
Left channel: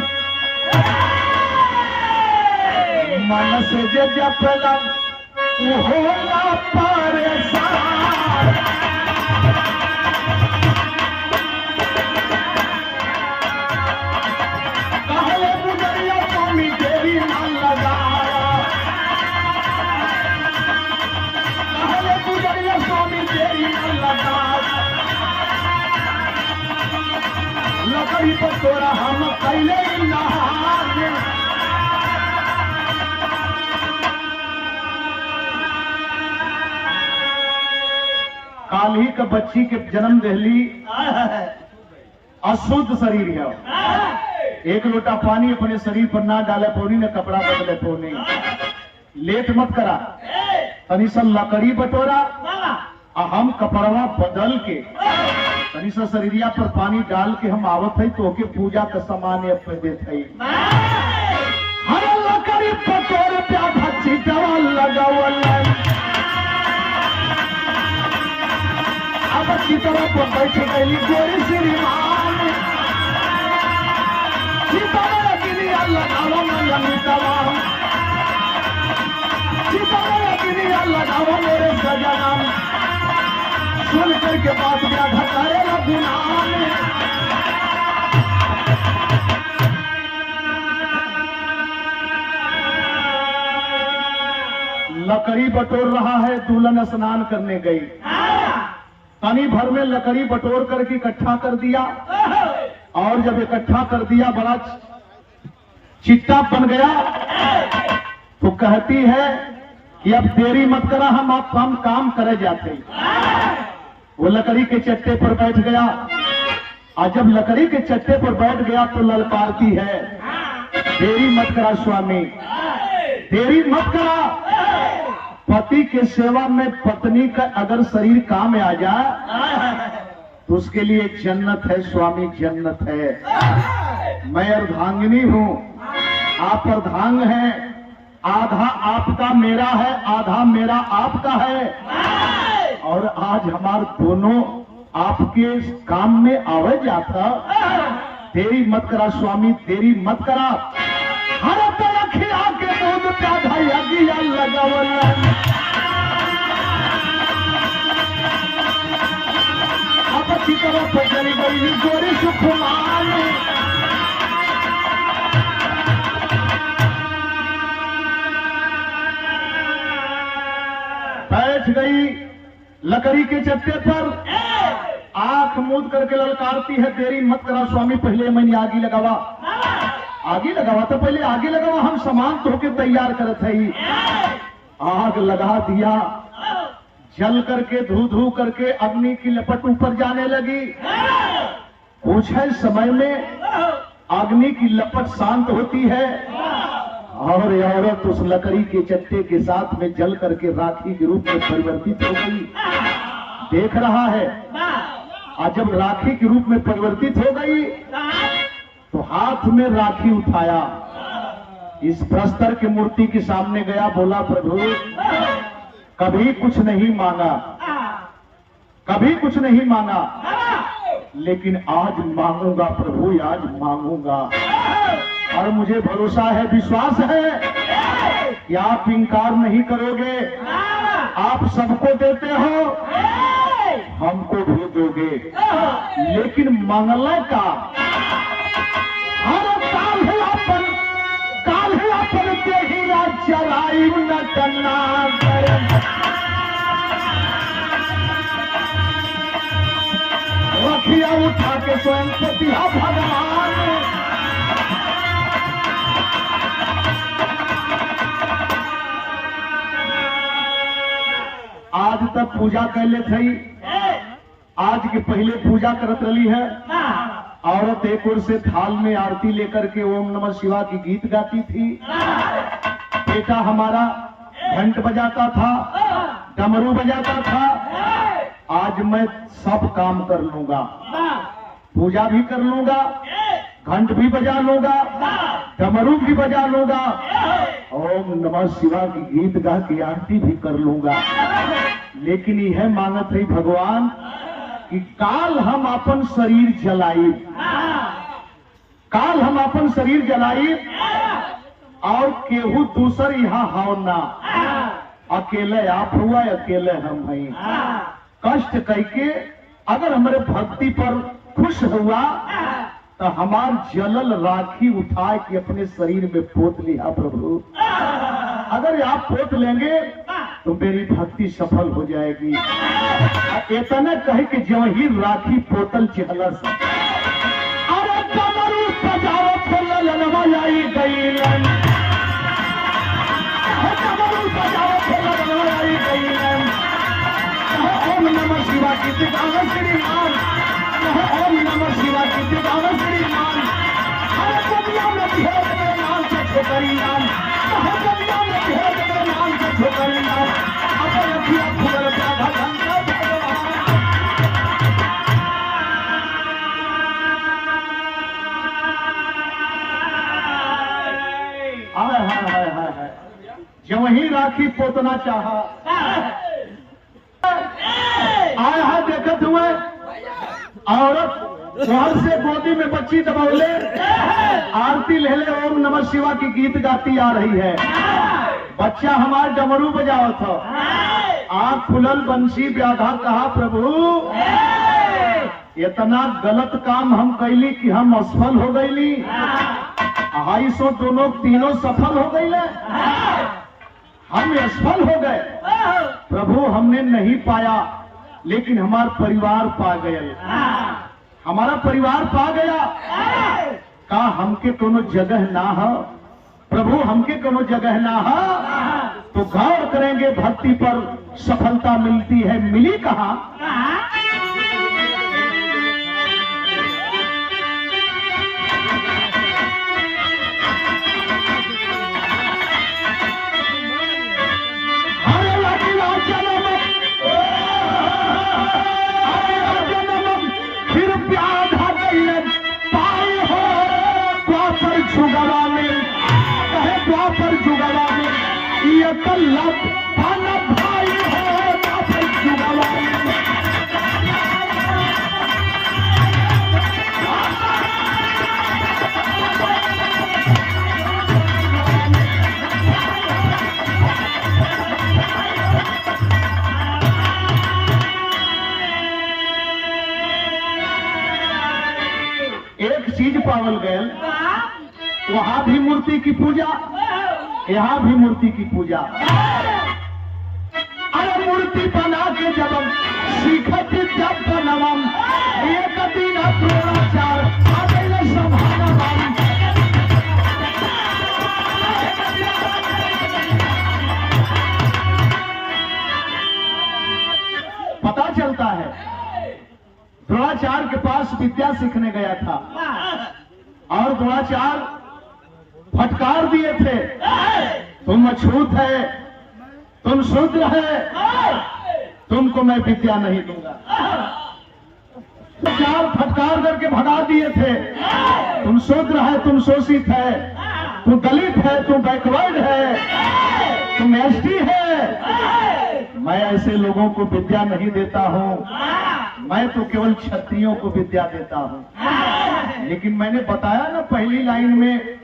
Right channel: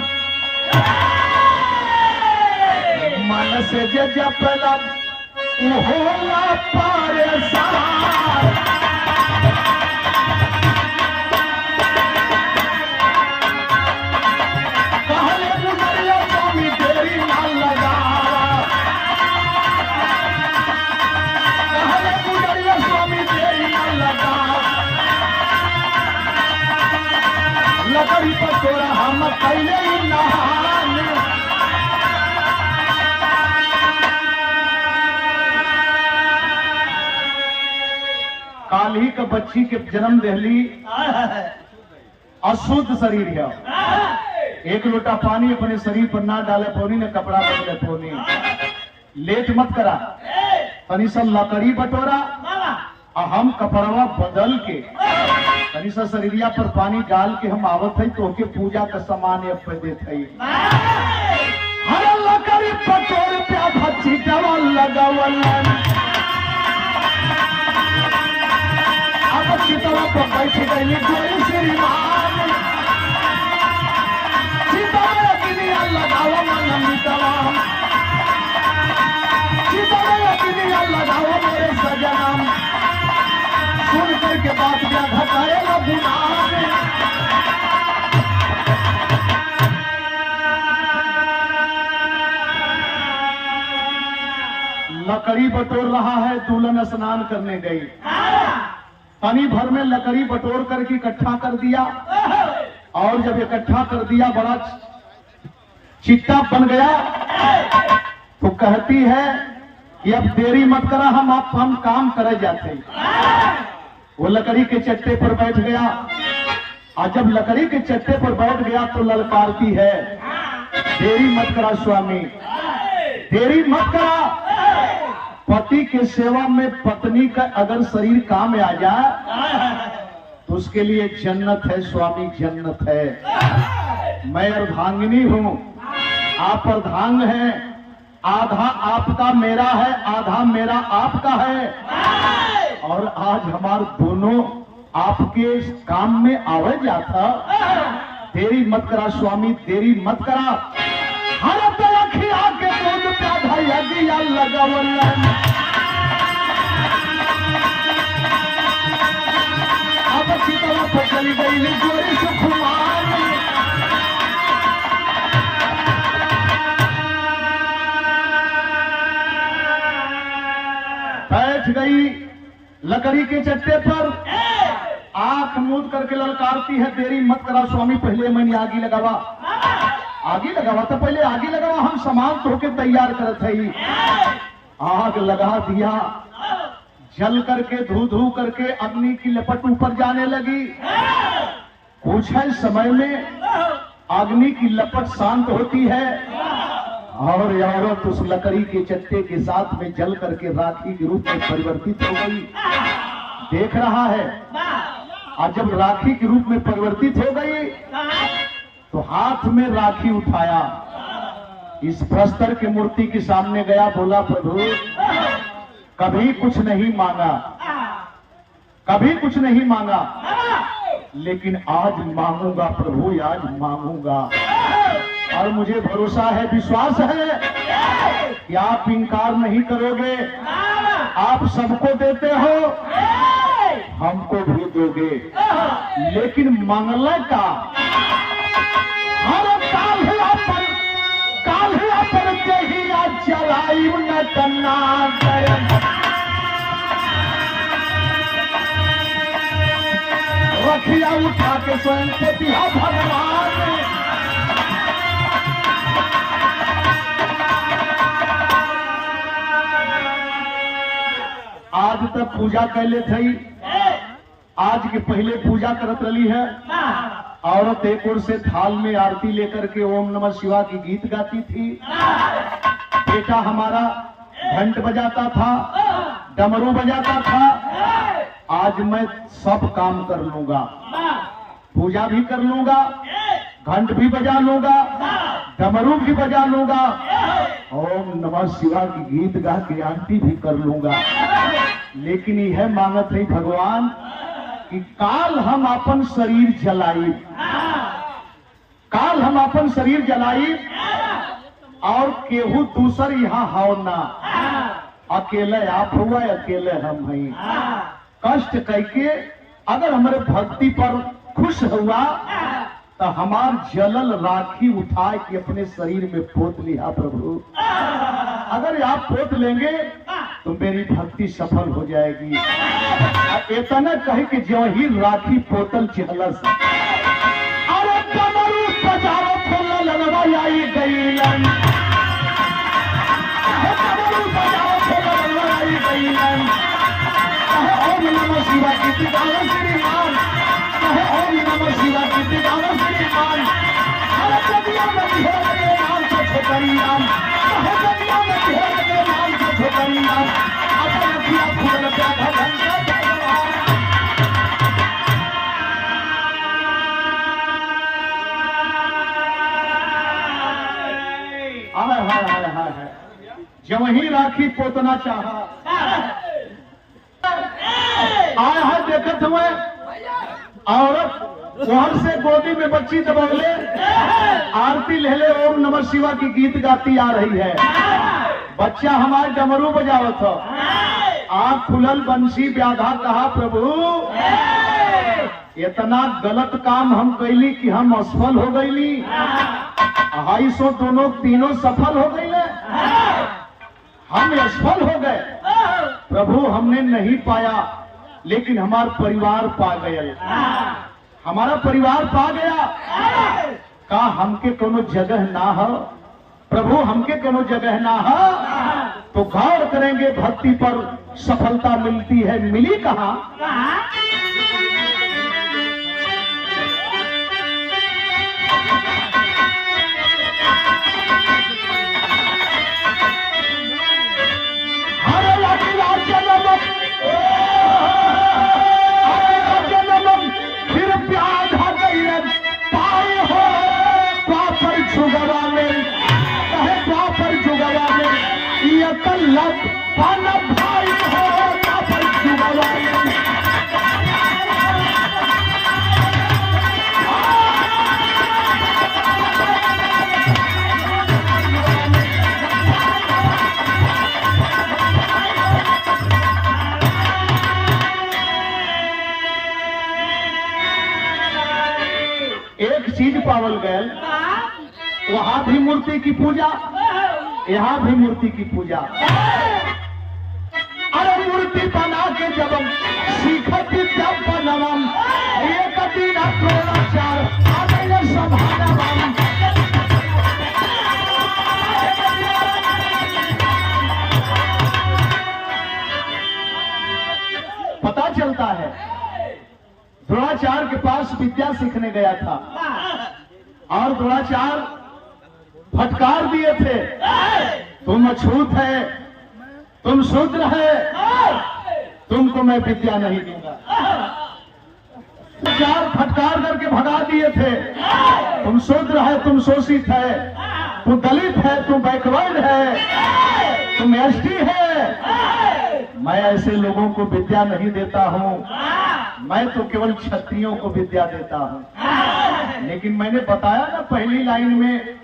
मन से जे जपलम होला परेशान। कहले मुनरिया स्वामी देरी ना लगावा, कहले मुनरिया स्वामी देरी ना लगावा। लकड़ी पर तोरा हम पहले नहान, काली के बच्ची के जन्म दहली अशुद्ध शरीर है। एक लोटा पानी अपने शरीर पर ना डाले पोनी ने कपड़ा बदले पोनी। लेट मत करा, तनी सा लकड़ी बटोरा और हम कपड़वा बदल के तनी सा शरीरिया पर पानी डाल के हम आवत है तो के पूजा का सामान देते है। हर लकड़ी बटोर पे भच्ची डवा लगावल अब चितवा पर बैठ गई जोरी श्रीमान। चितवा गिरिया लगावा मन तमाम, चितवा गिरिया लगावा मेरे सजनाम। सुन करके बात क्या घटाएगा गुनाह में। लकड़ी बटोर रहा है, दुल्हन स्नान करने गई। पानी भर में लकड़ी बटोर करके इकट्ठा कर दिया और जब इकट्ठा कर दिया बड़ा चिट्टा बन गया तो कहती है कि अब देरी मत करा, हम काम करे जाते। वो लकड़ी के चट्टे पर बैठ गया और जब लकड़ी के चट्टे पर बैठ गया तो ललकारती है, देरी मत करा स्वामी, देरी मत करा। पति के सेवा में पत्नी का अगर शरीर काम में आ जाए तो उसके लिए जन्नत है स्वामी, जन्नत है। मैं अर्धांगिनी हूँ, आप अर्धांग हैं, आधा आपका मेरा है, आधा मेरा आपका है। और आज हमारे दोनों आपके काम में आवे जाता। देरी मत करा स्वामी, देरी मत करा। हर तलखिया के दूध का धैया दिया लगावल अब चितवा पर चली गई गोरी सुखमान। बैठ गई लकड़ी के चट्टे पर, आंख मूंद करके ललकारती है, देरी मत करा स्वामी, पहले मैंने आगी लगावा। आगी लगावा तो पहले आगी लगावा, हम सामान धो के तैयार करत है। आग लगा दिया, जल करके धू धू करके अग्नि की लपट ऊपर जाने लगी। कुछ ही समय में अग्नि की लपट शांत होती है और औरत उस लकड़ी के चट्टे के साथ में जल करके राखी के रूप में परिवर्तित हो गई। देख रहा है, और जब राखी के रूप में परिवर्तित हो गई तो हाथ में राखी उठाया, इस प्रस्तर की मूर्ति के सामने गया, बोला प्रभु कभी कुछ नहीं मांगा, कभी कुछ नहीं मांगा, लेकिन आज मांगूंगा प्रभु, आज मांगूंगा। और मुझे भरोसा है, विश्वास है कि आप इनकार नहीं करोगे। आप सबको देते हो, हमको भी दोगे, लेकिन मंगल का हर काल देहिया चलाई न करना रखिया उठा के स्वयं से दिया भगवान। आज तक पूजा कैले थी, आज के पहले पूजा करत रही है, औरत एक ओर से थाल में आरती लेकर के ओम नमः शिवाय की गीत गाती थी। बेटा हमारा घंट बजाता था, डमरू बजाता था। आज मैं सब काम कर लूंगा, पूजा भी कर लूंगा, घंट भी बजा लूंगा, डमरू भी बजा लूंगा, ओम नमः शिवाय की गीत गा के आरती भी कर लूंगा। लेकिन यह मांगत है भगवान कि काल हम अपन शरीर जलाई, काल हम अपन शरीर जलाई और केहू दूसर यहाँ हो ना, अकेले आप हुआ अकेले हम हैं। कष्ट करके अगर हमारे भक्ति पर खुश हुआ तो हमार जलल राखी उठा के अपने शरीर में पोत लिया प्रभु। अगर आप पोत लेंगे तो मेरी भक्ति सफल हो जाएगी। इतना कहे कि जो ही राखी पोतल चहलस, अरे डमरू बजाओ खोला लनवा आई गई, डमरू बजाओ खोला लनवा आई गई। ओम नमः शिवाय की दावत श्रीमान, ओम नमः शिवाय की दावत श्रीमान। अरे दुनिया में भेद के नाम से छोकरी नाम, दुनिया में भेद के नाम से छोकरी नाम। अपन किया फूल प्यादा धंधा भगवान। हाय जब वही राखी पोतना चाहा, आया है देखत हुए औरत वहां से गोदी में बच्ची दबौले आरती ले ले ओम नमः शिवाय की गीत गाती आ रही है। बच्चा हमारे डमरू बजावत हो, आंख खुलल बंसी व्याधा कहा प्रभु इतना गलत काम हम कैली कि हम असफल हो गईली। 250 दोनों तीनों सफल हो गई, हम असफल हो गए प्रभु। हमने नहीं पाया लेकिन हमारा परिवार पा गया, हमारा परिवार पा गया। का हमके कोनो जगह ना हो प्रभु, हमके कोनो जगह ना हो तो गौर करेंगे भक्ति पर सफलता मिलती है। मिली कहाँ? फिर प्यार पाए हो द्वापर जुगवा में, कहे द्वापर जुगवा में ये कल्लक पाना भाई हो द्वापर जुगवा में। एक चीज पावल गए, वहां भी मूर्ति की पूजा, यहाँ भी मूर्ति की पूजा। अरे मूर्ति बना के जब सीखती जब बनवम, एक दिन चार संभालम। पता चलता है द्रोणाचार्य के पास विद्या सीखने गया था और द्रोणाचार्य फटकार दिए थे, तुम अछूत है, तुम शूद्र है, तुमको मैं विद्या नहीं दूंगा। चार फटकार करके भगा दिए थे, तुम शूद्र है, तुम शोषित है, तुम दलित है, तुम बैकवर्ड है, तुम एसटी है। मैं ऐसे लोगों को विद्या नहीं देता हूँ, मैं तो केवल क्षत्रियों को विद्या देता हूँ। लेकिन मैंने बताया ना पहली लाइन में,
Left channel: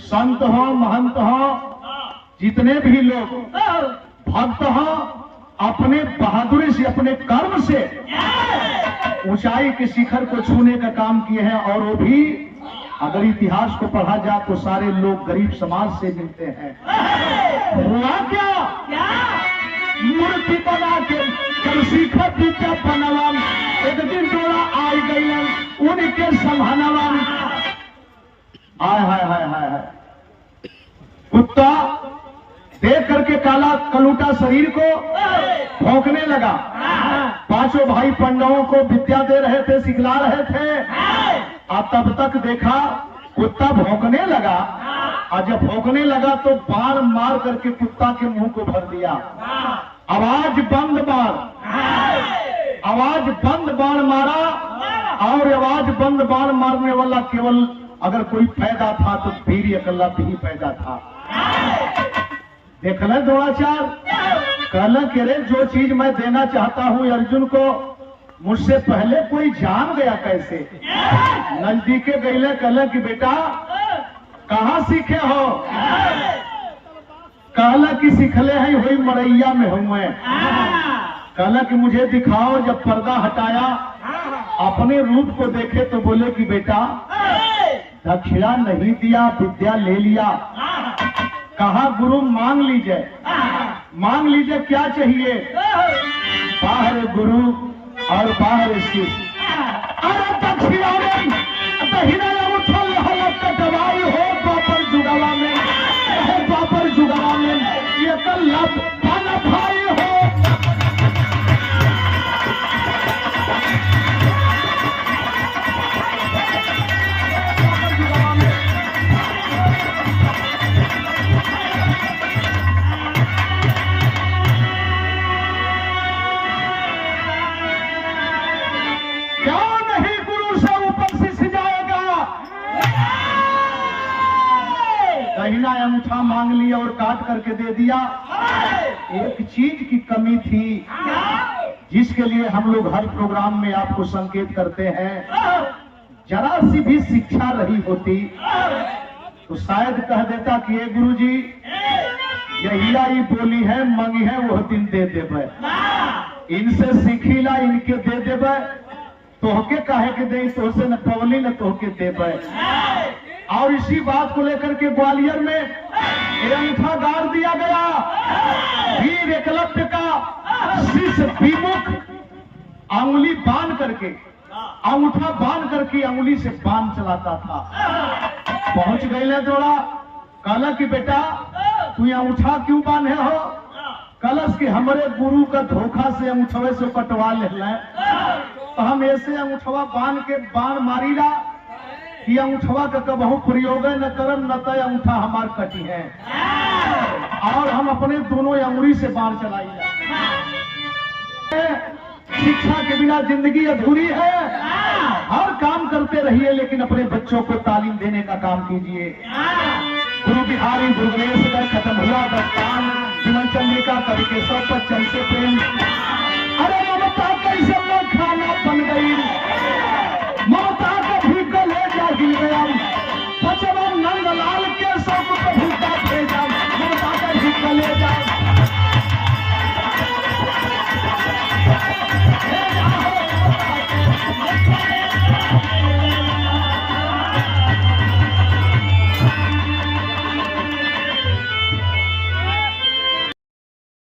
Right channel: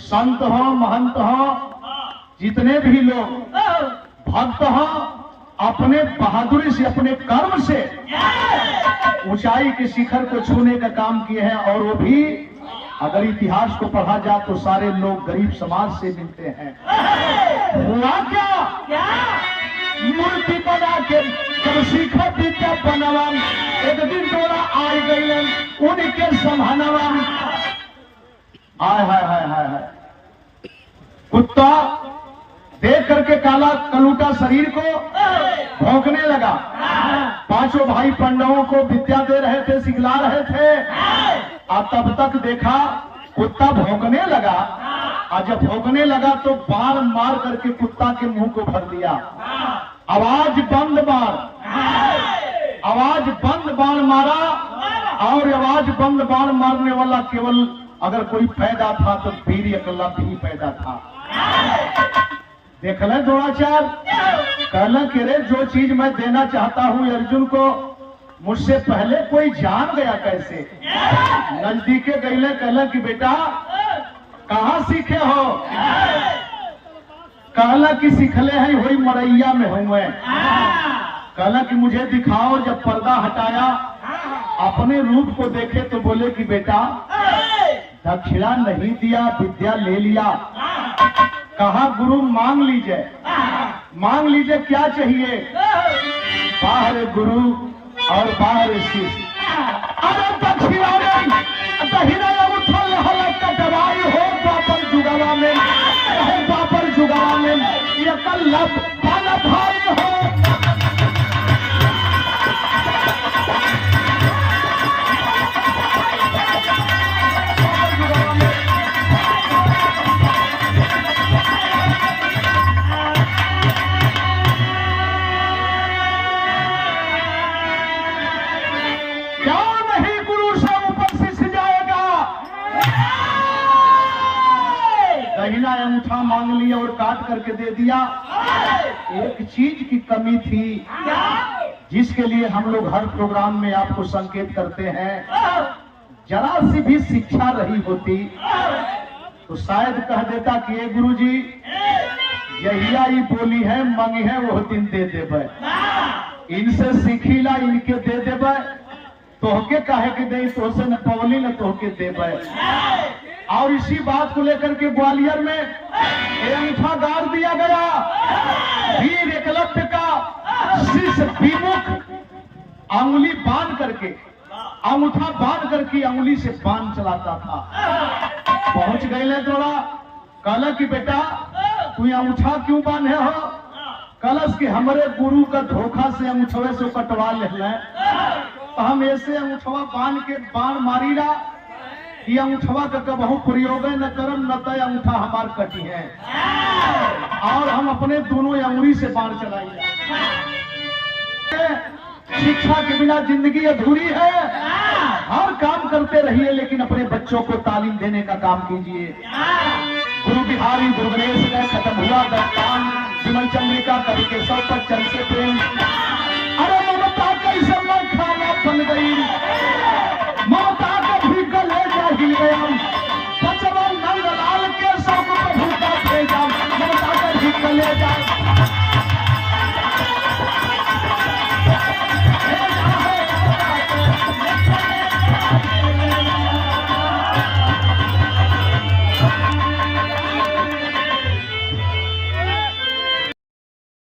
संत हो महंत हो जितने भी लोग भक्त हो अपने बहादुरी से अपने कर्म से ऊंचाई के शिखर को छूने का काम किए हैं। और वो भी अगर इतिहास को पढ़ा जाए तो सारे लोग गरीब समाज से मिलते हैं। हुआ क्या? मूर्ति बना के जब शिखर विद्या बनवाम, एक दिन तोरा आ गई उनके संभालवाम। हाय हाय हाय हाय हाय, कुत्ता देख करके काला कलूटा शरीर को भौंकने लगा। पांचों भाई पांडवों को विद्या दे रहे थे, सिखला रहे थे। और तब तक देखा कुत्ता भौंकने लगा, और जब भौंकने लगा तो बाण मार करके कुत्ता के मुंह को भर दिया। आवाज बंद बाण, आवाज बंद बाण मारा, और आवाज बंद बाण मारने वाला केवल अगर कोई पैदा था तो वीर अकेला भी पैदा था। देख ले द्रोणाचार्य, कहला कि रे जो चीज मैं देना चाहता हूं अर्जुन को, मुझसे पहले कोई जान गया कैसे? नजदीके गईले, कहला कि बेटा कहाँ सीखे हो? कहला कि सिखले हैं वही मरैया में हूं मैं। कहला कि मुझे दिखाओ। जब पर्दा हटाया, अपने रूप को देखे तो बोले कि बेटा दक्षिणा नहीं दिया, विद्या ले लिया। कहा गुरु मांग लीजिए, मांग लीजिए क्या चाहिए? बाहर गुरु और बाहर शिष्य। अरे दक्षिणा दहीना उठल हलक दवाई हो द्वापर जुगवा में, द्वापर जुगवा में ये कल्लभ वाला भाई हो। दहीना अंगूठा मांग लिया और काट करके दे दिया। एक चीज की कमी थी जिसके लिए हम लोग हर प्रोग्राम में आपको संकेत करते हैं। जरा सी भी शिक्षा रही होती तो शायद कह देता कि ये गुरुजी यहिया ही बोली है, मंगी है वो दिन दे देवे, इनसे सीखीला इनके दे देवे, तोहके काहे के दे, तोहसे न पवली न तोहके देवे। और इसी बात को लेकर के ग्वालियर में ये अंगूठा गाड़ दिया गया। वीर एकलव्य का शिष्य विमुख अंगुली बांध करके, अंगूठा बांध करके अंगुली से बांध चलाता था। पहुंच गए ले थोड़ा, कहला कि बेटा तू अंगूठा क्यों बांधे हो? कलश के हमारे गुरु का धोखा से अंगूठवे से कटवा ले, तो हम ऐसे अंगूठवा बांध के बाण मारी ला कि अंगूठवा का कबहू प्रयोग न करम न तय अंगूठा हमार कटी है, और हम अपने दोनों अंगुली से बाण चलाइए। शिक्षा के बिना जिंदगी अधूरी है। हर काम करते रहिए लेकिन अपने बच्चों को तालीम देने का काम कीजिए। गुरु बिहारी भुवनेश में खत्म हुआ दस्तान, जीवन चंद्रिका कवि के सौ पर चल से प्रेम। अरे ममता कैसे मन खाना बन गई, ममता का भी गले जाहिए, बचवन नंदलाल के सब प्रभु का भेजा, ममता का भी गले जाए।